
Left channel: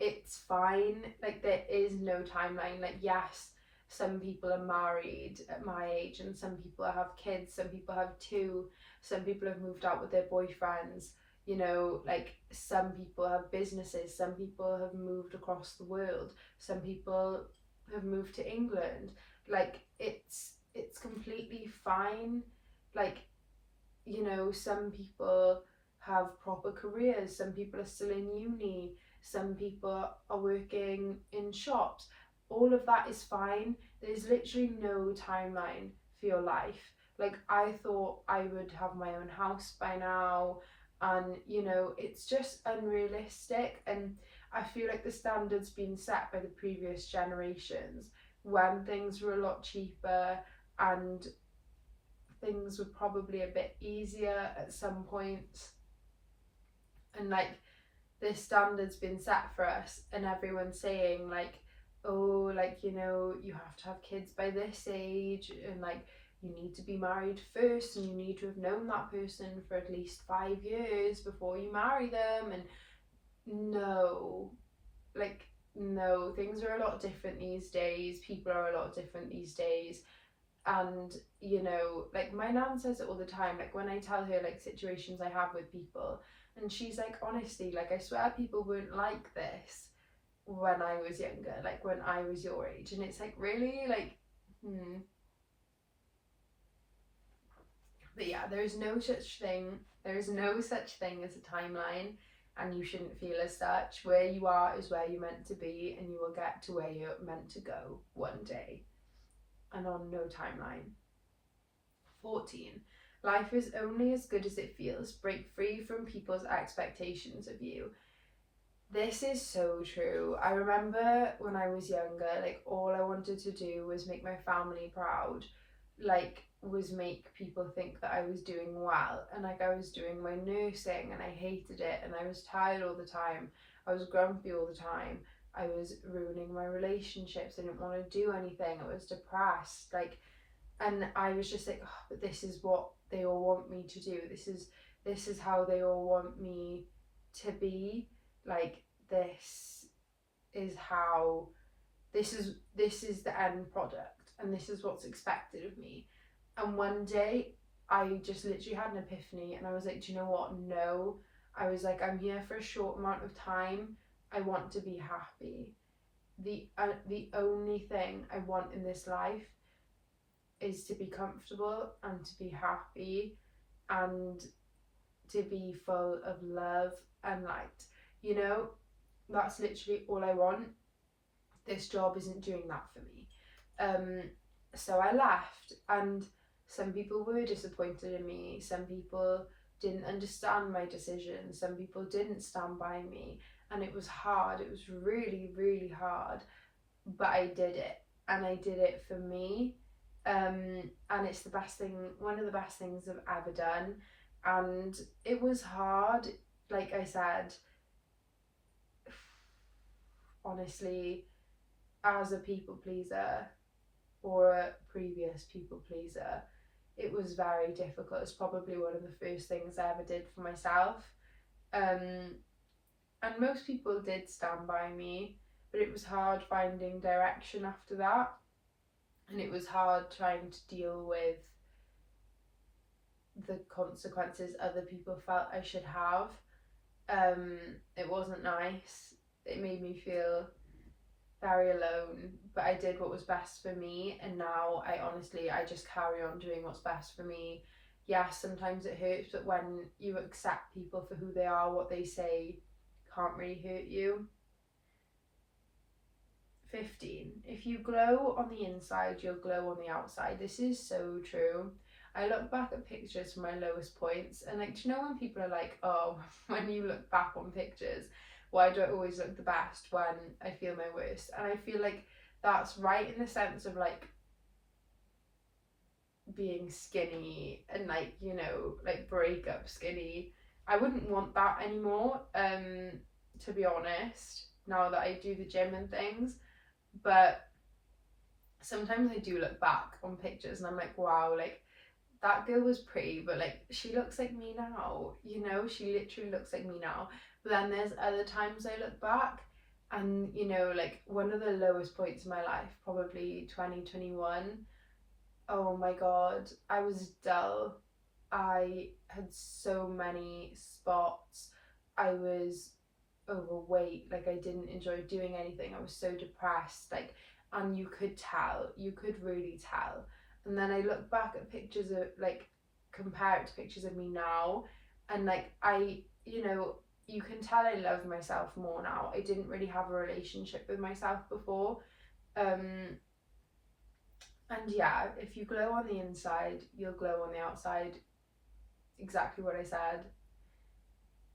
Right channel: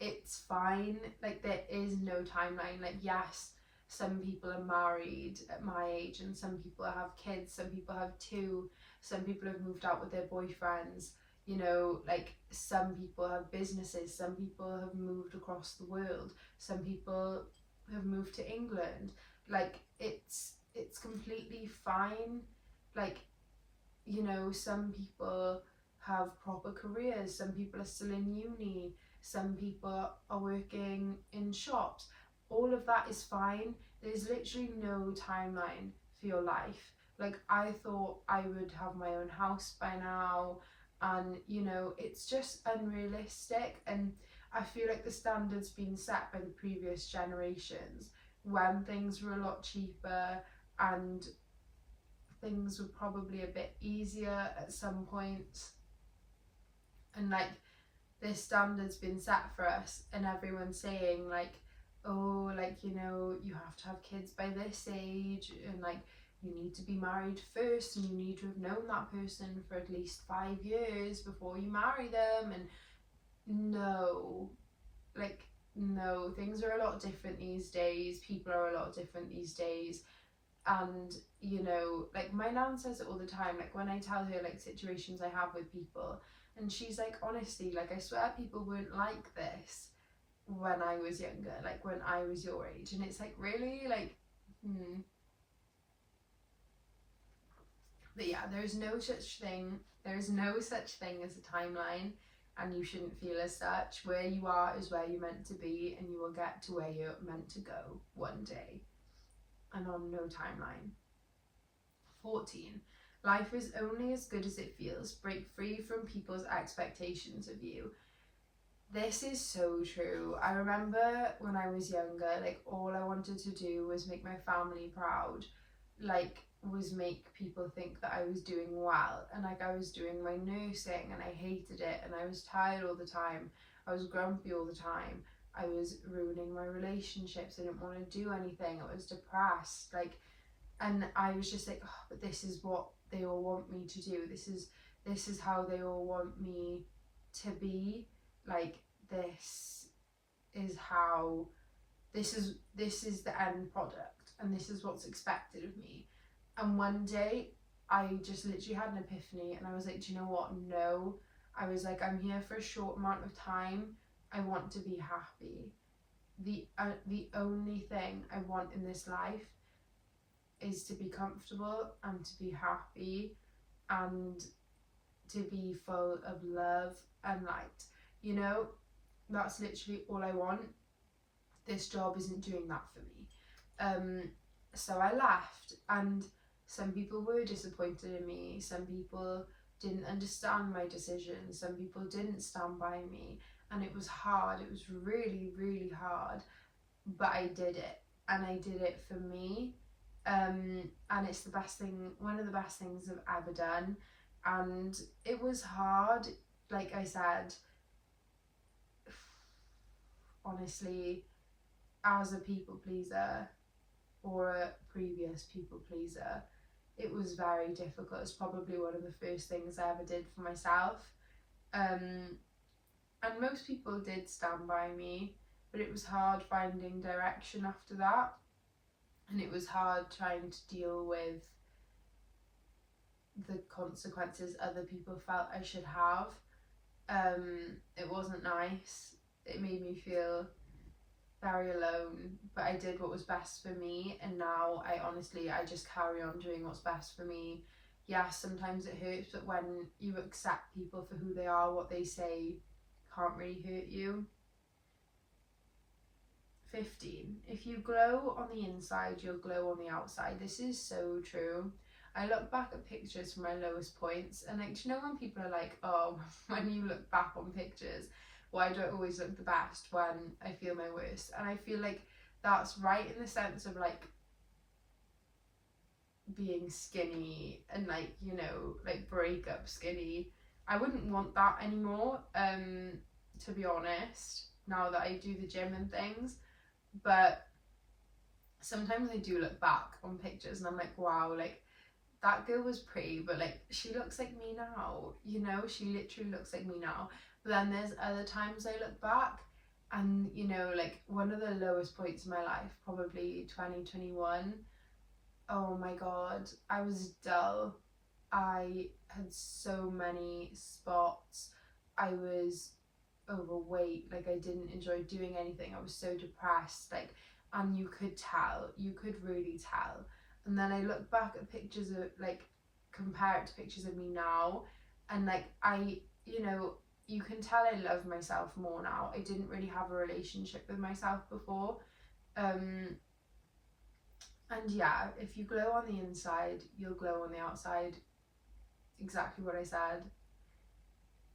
it's fine. Like, there is no timeline. Like, yes, some people are married at my age, and some people have kids, some people have two, some people have moved out with their boyfriends, like, some people have businesses, some people have moved across the world, some people have moved to England. Like, it's completely fine. Like, some people have proper careers, some people are still in uni, some people are working in shops. All of that is fine. There's literally no timeline for your life. Like, I thought I would have my own house by now, and it's just unrealistic. And I feel like the standards being set by the previous generations, when things were a lot cheaper and things were probably a bit easier at some points, and like, this standard's been set for us, and everyone's saying like, oh, like, you have to have kids by this age, and like, you need to be married first, and you need to have known that person for at least 5 years before you marry them. And no, like, no, things are a lot different these days. People are a lot different these days. And like, my nan says it all the time, like, when I tell her like situations I have with people, and she's like, honestly, like, I swear people weren't like this when I was younger, like when I was your age. And it's like, really, like, But yeah, there is no such thing as a timeline, and you shouldn't feel as such. Where you are is where you're meant to be, and you will get to where you're meant to go one day, and on no timeline. 14. Life is only as good as it feels. Break free from people's expectations of you. This is so true. I remember when I was younger, like, all I wanted to do was make my family proud, like, was make people think that I was doing well, and like I was doing my nursing and I hated it, and I was tired all the time, I was grumpy all the time, I was ruining my relationships, I didn't want to do anything, I was depressed, like, and I was just like, oh, but this is what they all want me to do, this is how they all want me to be, like, this is how this is the end product, and this is what's expected of me. And one day I just literally had an epiphany, and I was like, do you know what? No. I was like, I'm here for a short amount of time. I want to be happy. The only thing I want in this life is to be comfortable and to be happy and to be full of love and light. You know, that's literally all I want. This job isn't doing that for me. So I left, and some people were disappointed in me, some people didn't understand my decision, some people didn't stand by me, and it was hard, it was really, really hard, but I did it, and I did it for me, and it's the best thing, one of the best things I've ever done. And it was hard, like I said, honestly, as a people pleaser, or a previous people pleaser, it was very difficult. It's probably one of the first things I ever did for myself. And most people did stand by me, but it was hard finding direction after that. And it was hard trying to deal with the consequences other people felt I should have. It wasn't nice. It made me feel very alone, but I did what was best for me, and now I just carry on doing what's best for me. Yes, sometimes it hurts, but when you accept people for who they are, what they say can't really hurt you. 15. If you glow on the inside, you'll glow on the outside. This is so true. I look back at pictures from my lowest points, and like, do you know when people are like, oh, when you look back on pictures, why do I always look the best when I feel my worst? And I feel like that's right in the sense of like being skinny and like, you know, like breakup skinny. I wouldn't want that anymore, to be honest, now that I do the gym and things. But sometimes I do look back on pictures and I'm like, wow, like that girl was pretty, but like she looks like me now, you know, she literally looks like me now. But then there's other times I look back, and you know, like one of the lowest points in my life, probably 2021. Oh my god, I was dull. I had so many spots. I was overweight, like I didn't enjoy doing anything. I was so depressed, like, and you could really tell. And then I look back at pictures of, like, compare it to pictures of me now, and like you know, you can tell I love myself more now. I didn't really have a relationship with myself before. And yeah, if you glow on the inside, you'll glow on the outside. Exactly what I said.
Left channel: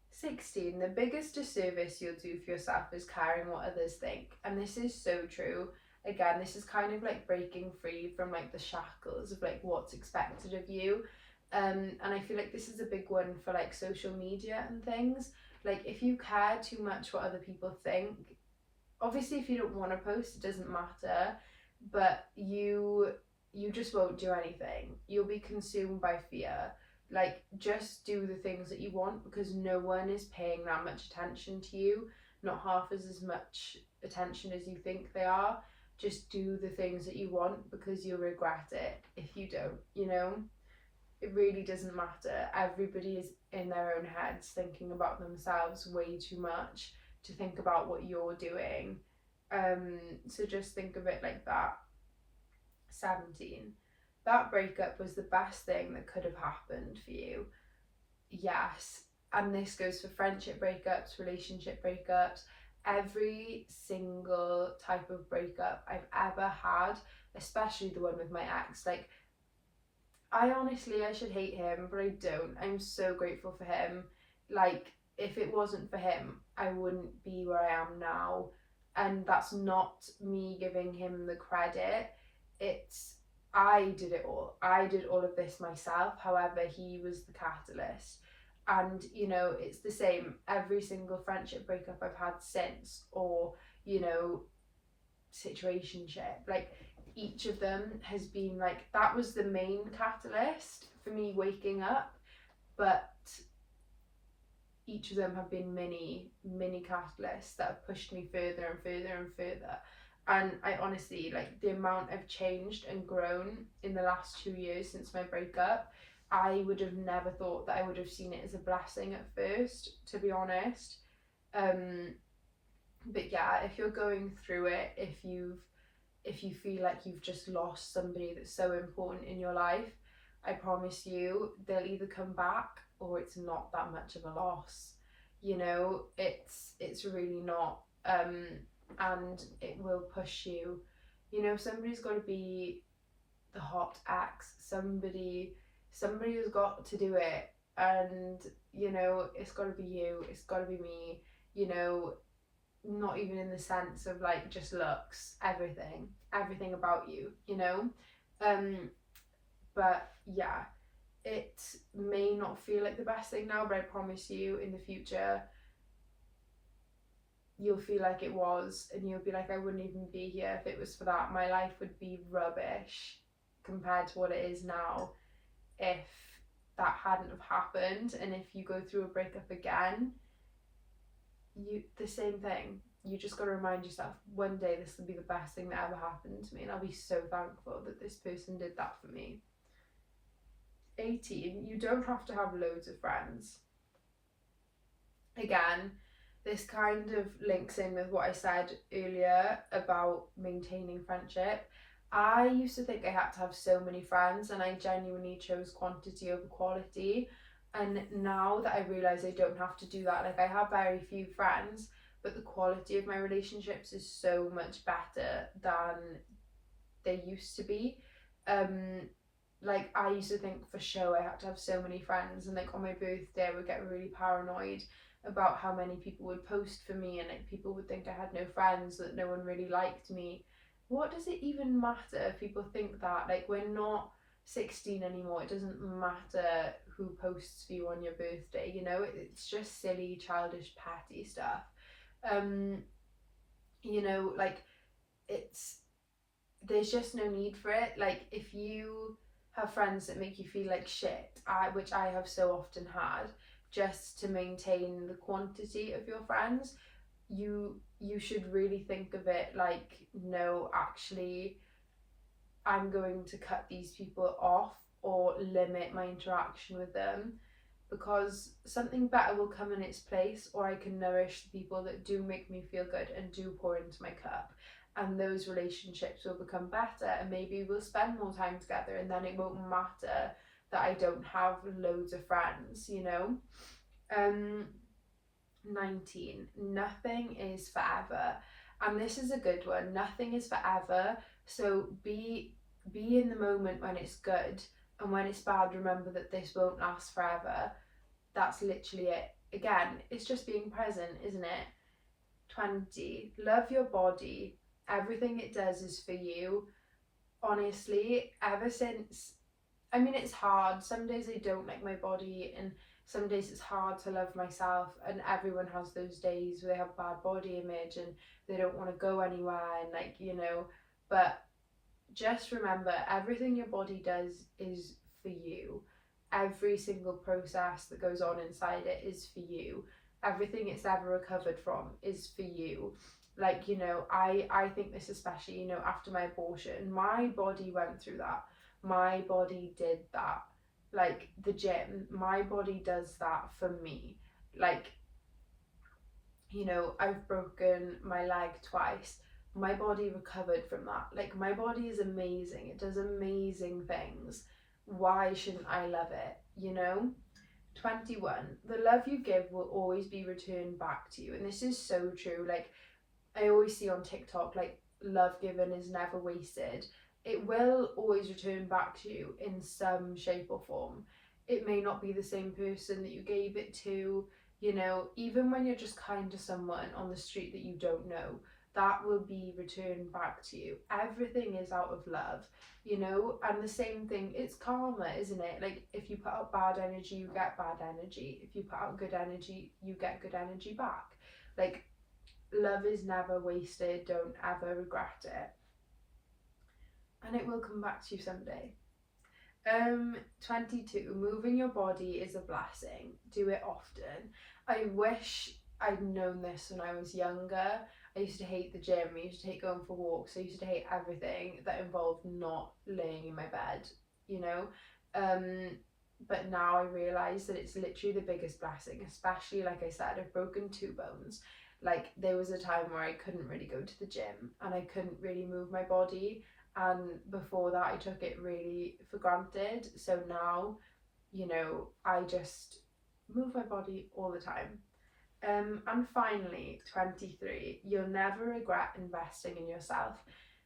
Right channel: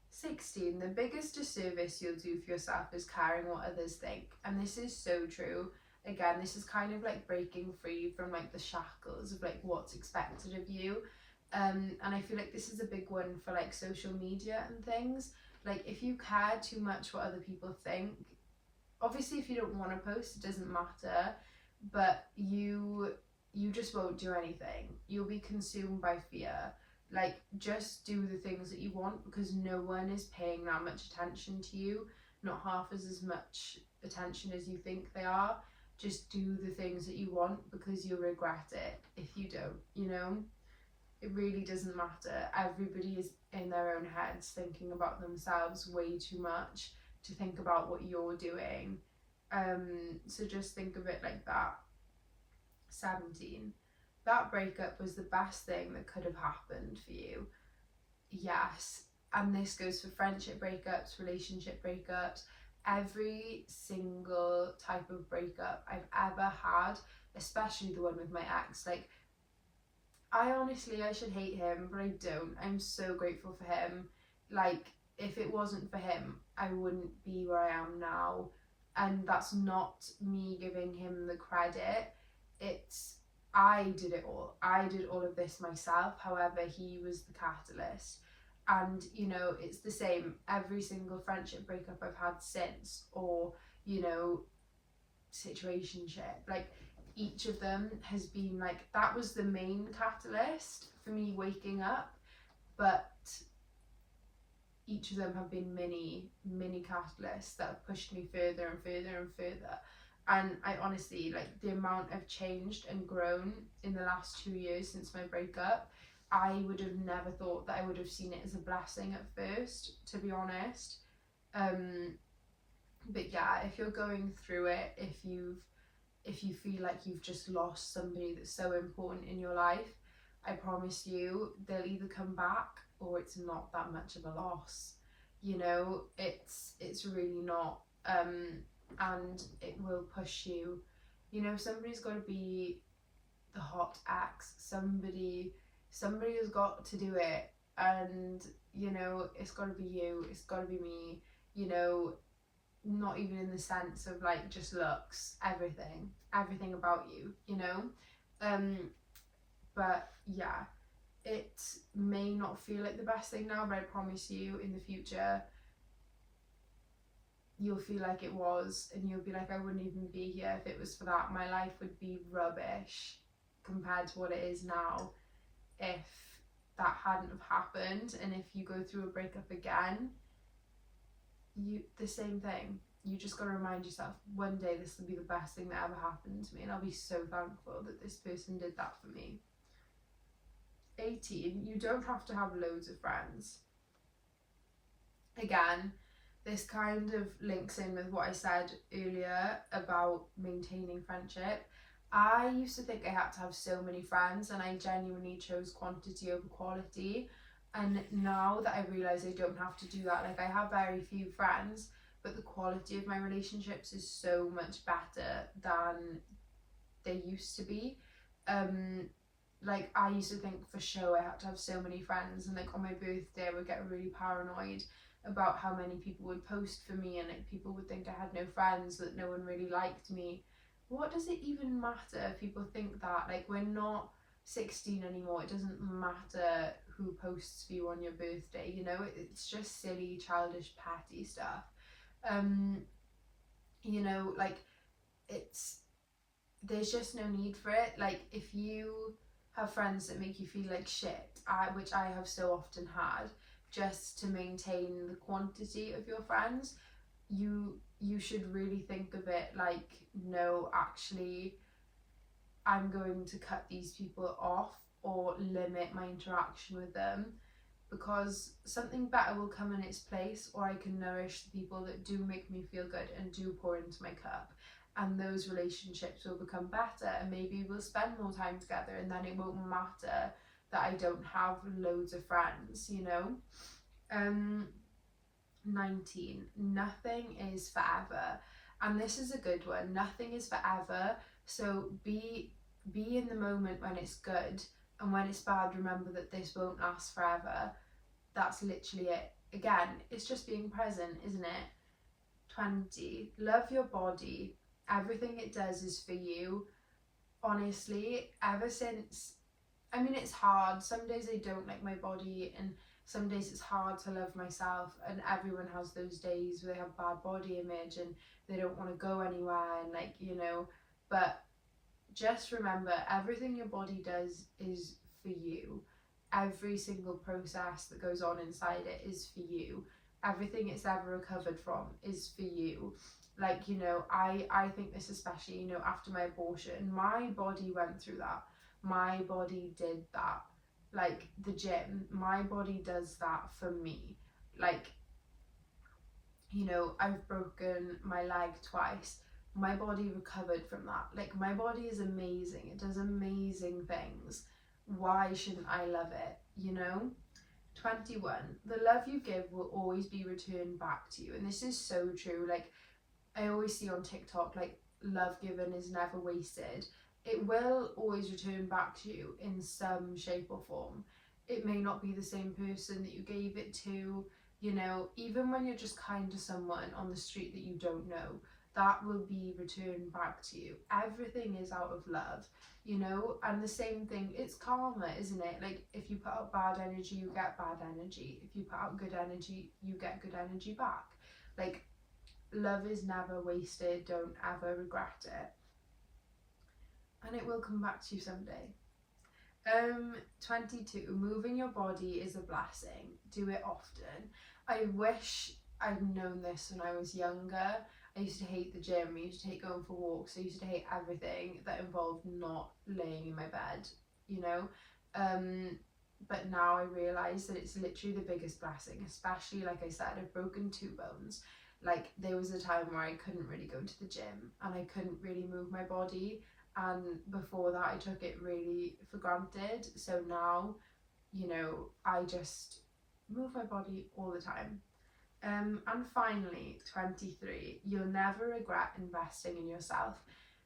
16. The biggest disservice you'll do for yourself is caring what others think. And this is so true. Again, this is kind of like breaking free from like the shackles of like what's expected of you. And I feel like this is a big one for like social media and things. Like if you care too much what other people think, obviously if you don't want to post, it doesn't matter, but you just won't do anything. You'll be consumed by fear. Like, just do the things that you want, because no one is paying that much attention to you, not half as much attention as you think they are. Just do the things that you want, because you'll regret it if you don't, you know? It really doesn't matter. Everybody is in their own heads thinking about themselves way too much to think about what you're doing. So just think of it like that. 17. That breakup was the best thing that could have happened for you. Yes. And this goes for friendship breakups, relationship breakups, every single type of breakup I've ever had, especially the one with my ex. Like, I should hate him, but I don't. I'm so grateful for him. Like, if it wasn't for him, I wouldn't be where I am now. And that's not me giving him the credit. It's, I did it all. I did all of this myself. However, he was the catalyst. And, you know, it's the same. Every single friendship breakup I've had since, or, you know, situationship, like, each of them has been like, that was the main catalyst for me waking up, but each of them have been mini catalysts that have pushed me further and further and further. And I honestly, like, the amount I've changed and grown in the last 2 years since my breakup, I would have never thought that I would have seen it as a blessing at first, to be honest. But yeah, if you're going through it, if you feel like you've just lost somebody that's so important in your life, I promise you they'll either come back or it's not that much of a loss. You know, it's really not. And it will push you. You know, somebody's got to be the hot ex. Somebody has got to do it. And, you know, it's got to be you. It's got to be me. You know, not even in the sense of like just looks, everything about you, you know. But yeah, it may not feel like the best thing now, but I promise you in the future you'll feel like it was, and you'll be like, I wouldn't even be here if it was for that. My life would be rubbish compared to what it is now if that hadn't have happened. And if you go through a breakup again, the same thing. You just got to remind yourself, one day this will be the best thing that ever happened to me, and I'll be so thankful that this person did that for me. 18, you don't have to have loads of friends. Again, this kind of links in with what I said earlier about maintaining friendship. I used to think I had to have so many friends, and I genuinely chose quantity over quality. And now that I realise I don't have to do that, like, I have very few friends, but the quality of my relationships is so much better than they used to be. Like, I used to think for sure I had to have so many friends, and like on my birthday I would get really paranoid about how many people would post for me, and like people would think I had no friends, that no one really liked me. What does it even matter if people think that? Like, we're not 16 anymore. It doesn't matter who posts for you on your birthday, you know. It's just silly, childish, petty stuff. You know, like, there's just no need for it. Like, if you have friends that make you feel like shit, which I have so often had, just to maintain the quantity of your friends, you should really think of it like, no, actually, I'm going to cut these people off or limit my interaction with them, because something better will come in its place, or I can nourish the people that do make me feel good and do pour into my cup, and those relationships will become better, and maybe we'll spend more time together, and then it won't matter that I don't have loads of friends, you know. 19, nothing is forever. And this is a good one. Nothing is forever. So be in the moment when it's good, and when it's bad, remember that this won't last forever. That's literally it. Again, it's just being present, isn't it? 20, love your body. Everything it does is for you. Honestly, ever since, I mean, it's hard. Some days I don't like my body, and some days it's hard to love myself, and everyone has those days where they have bad body image and they don't want to go anywhere, and like, you know, but just remember, everything your body does is for you. Every single process that goes on inside it is for you. Everything it's ever recovered from is for you. Like, you know, I think this, especially, you know, after my abortion, my body went through that. My body did that. Like, the gym, my body does that for me. Like, you know, I've broken my leg twice. My body recovered from that. Like, my body is amazing. It does amazing things. Why shouldn't I love it? You know? 21. The love you give will always be returned back to you. And this is so true. Like, I always see on TikTok, like, love given is never wasted. It will always return back to you in some shape or form. It may not be the same person that you gave it to, you know, even when you're just kind to someone on the street that you don't know, that will be returned back to you. Everything is out of love, you know, and the same thing, it's karma, isn't it? Like, if you put out bad energy, you get bad energy. If you put out good energy, you get good energy back. Like, love is never wasted. Don't ever regret it. And it will come back to you someday. 22. Moving your body is a blessing. Do it often. I wish I'd known this when I was younger. I used to hate the gym. I used to hate going for walks. I used to hate everything that involved not laying in my bed, you know. But now I realise that it's literally the biggest blessing, especially, like I said, I've broken 2 bones. Like, there was a time where I couldn't really go to the gym and I couldn't really move my body, and before that I took it really for granted. So now, you know, I just move my body all the time. And finally, 23, you'll never regret investing in yourself.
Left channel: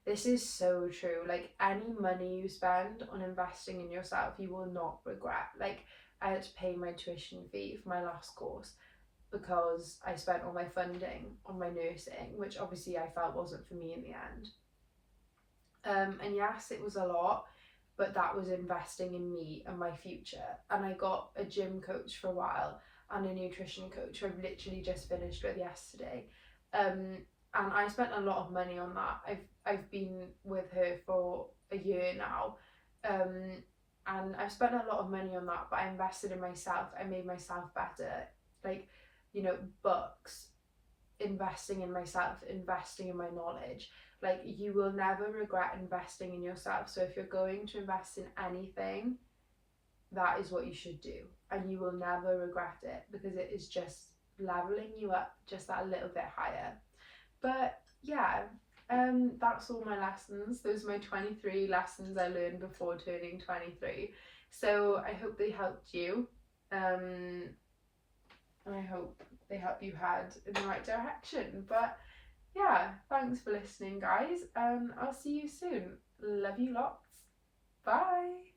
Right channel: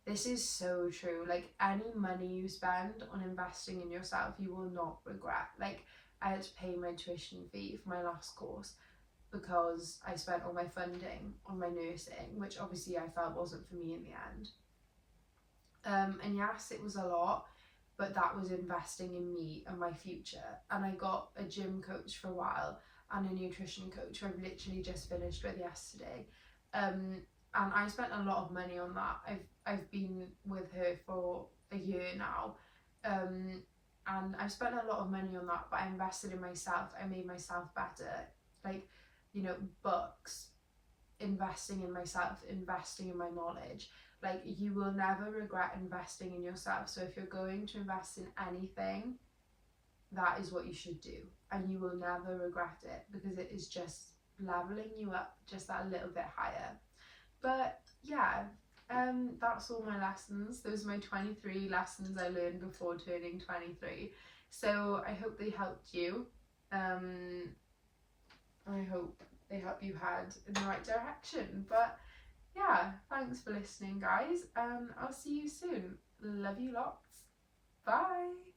This is so true. Like, any money you spend on investing in yourself, you will not regret. Like, I had to pay my tuition fee for my last course because I spent all my funding on my nursing, which obviously I felt wasn't for me in the end. And yes, it was a lot, but that was investing in me and my future. And I got a gym coach for a while and a nutrition coach who I've literally just finished with yesterday. And I spent a lot of money on that. I've been with her for a year now. And I've spent a lot of money on that, but I invested in myself. I made myself better. Like, you know, books, investing in myself, investing in my knowledge. Like, you will never regret investing in yourself. So if you're going to invest in anything, that is what you should do, and you will never regret it, because it is just leveling you up just that little bit higher. But yeah, that's all my lessons. Those are my 23 lessons I learned before turning 23. So I hope they helped you. I hope they help you head in the right direction. But yeah, thanks for listening, guys, and I'll see you soon. Love you lots. Bye.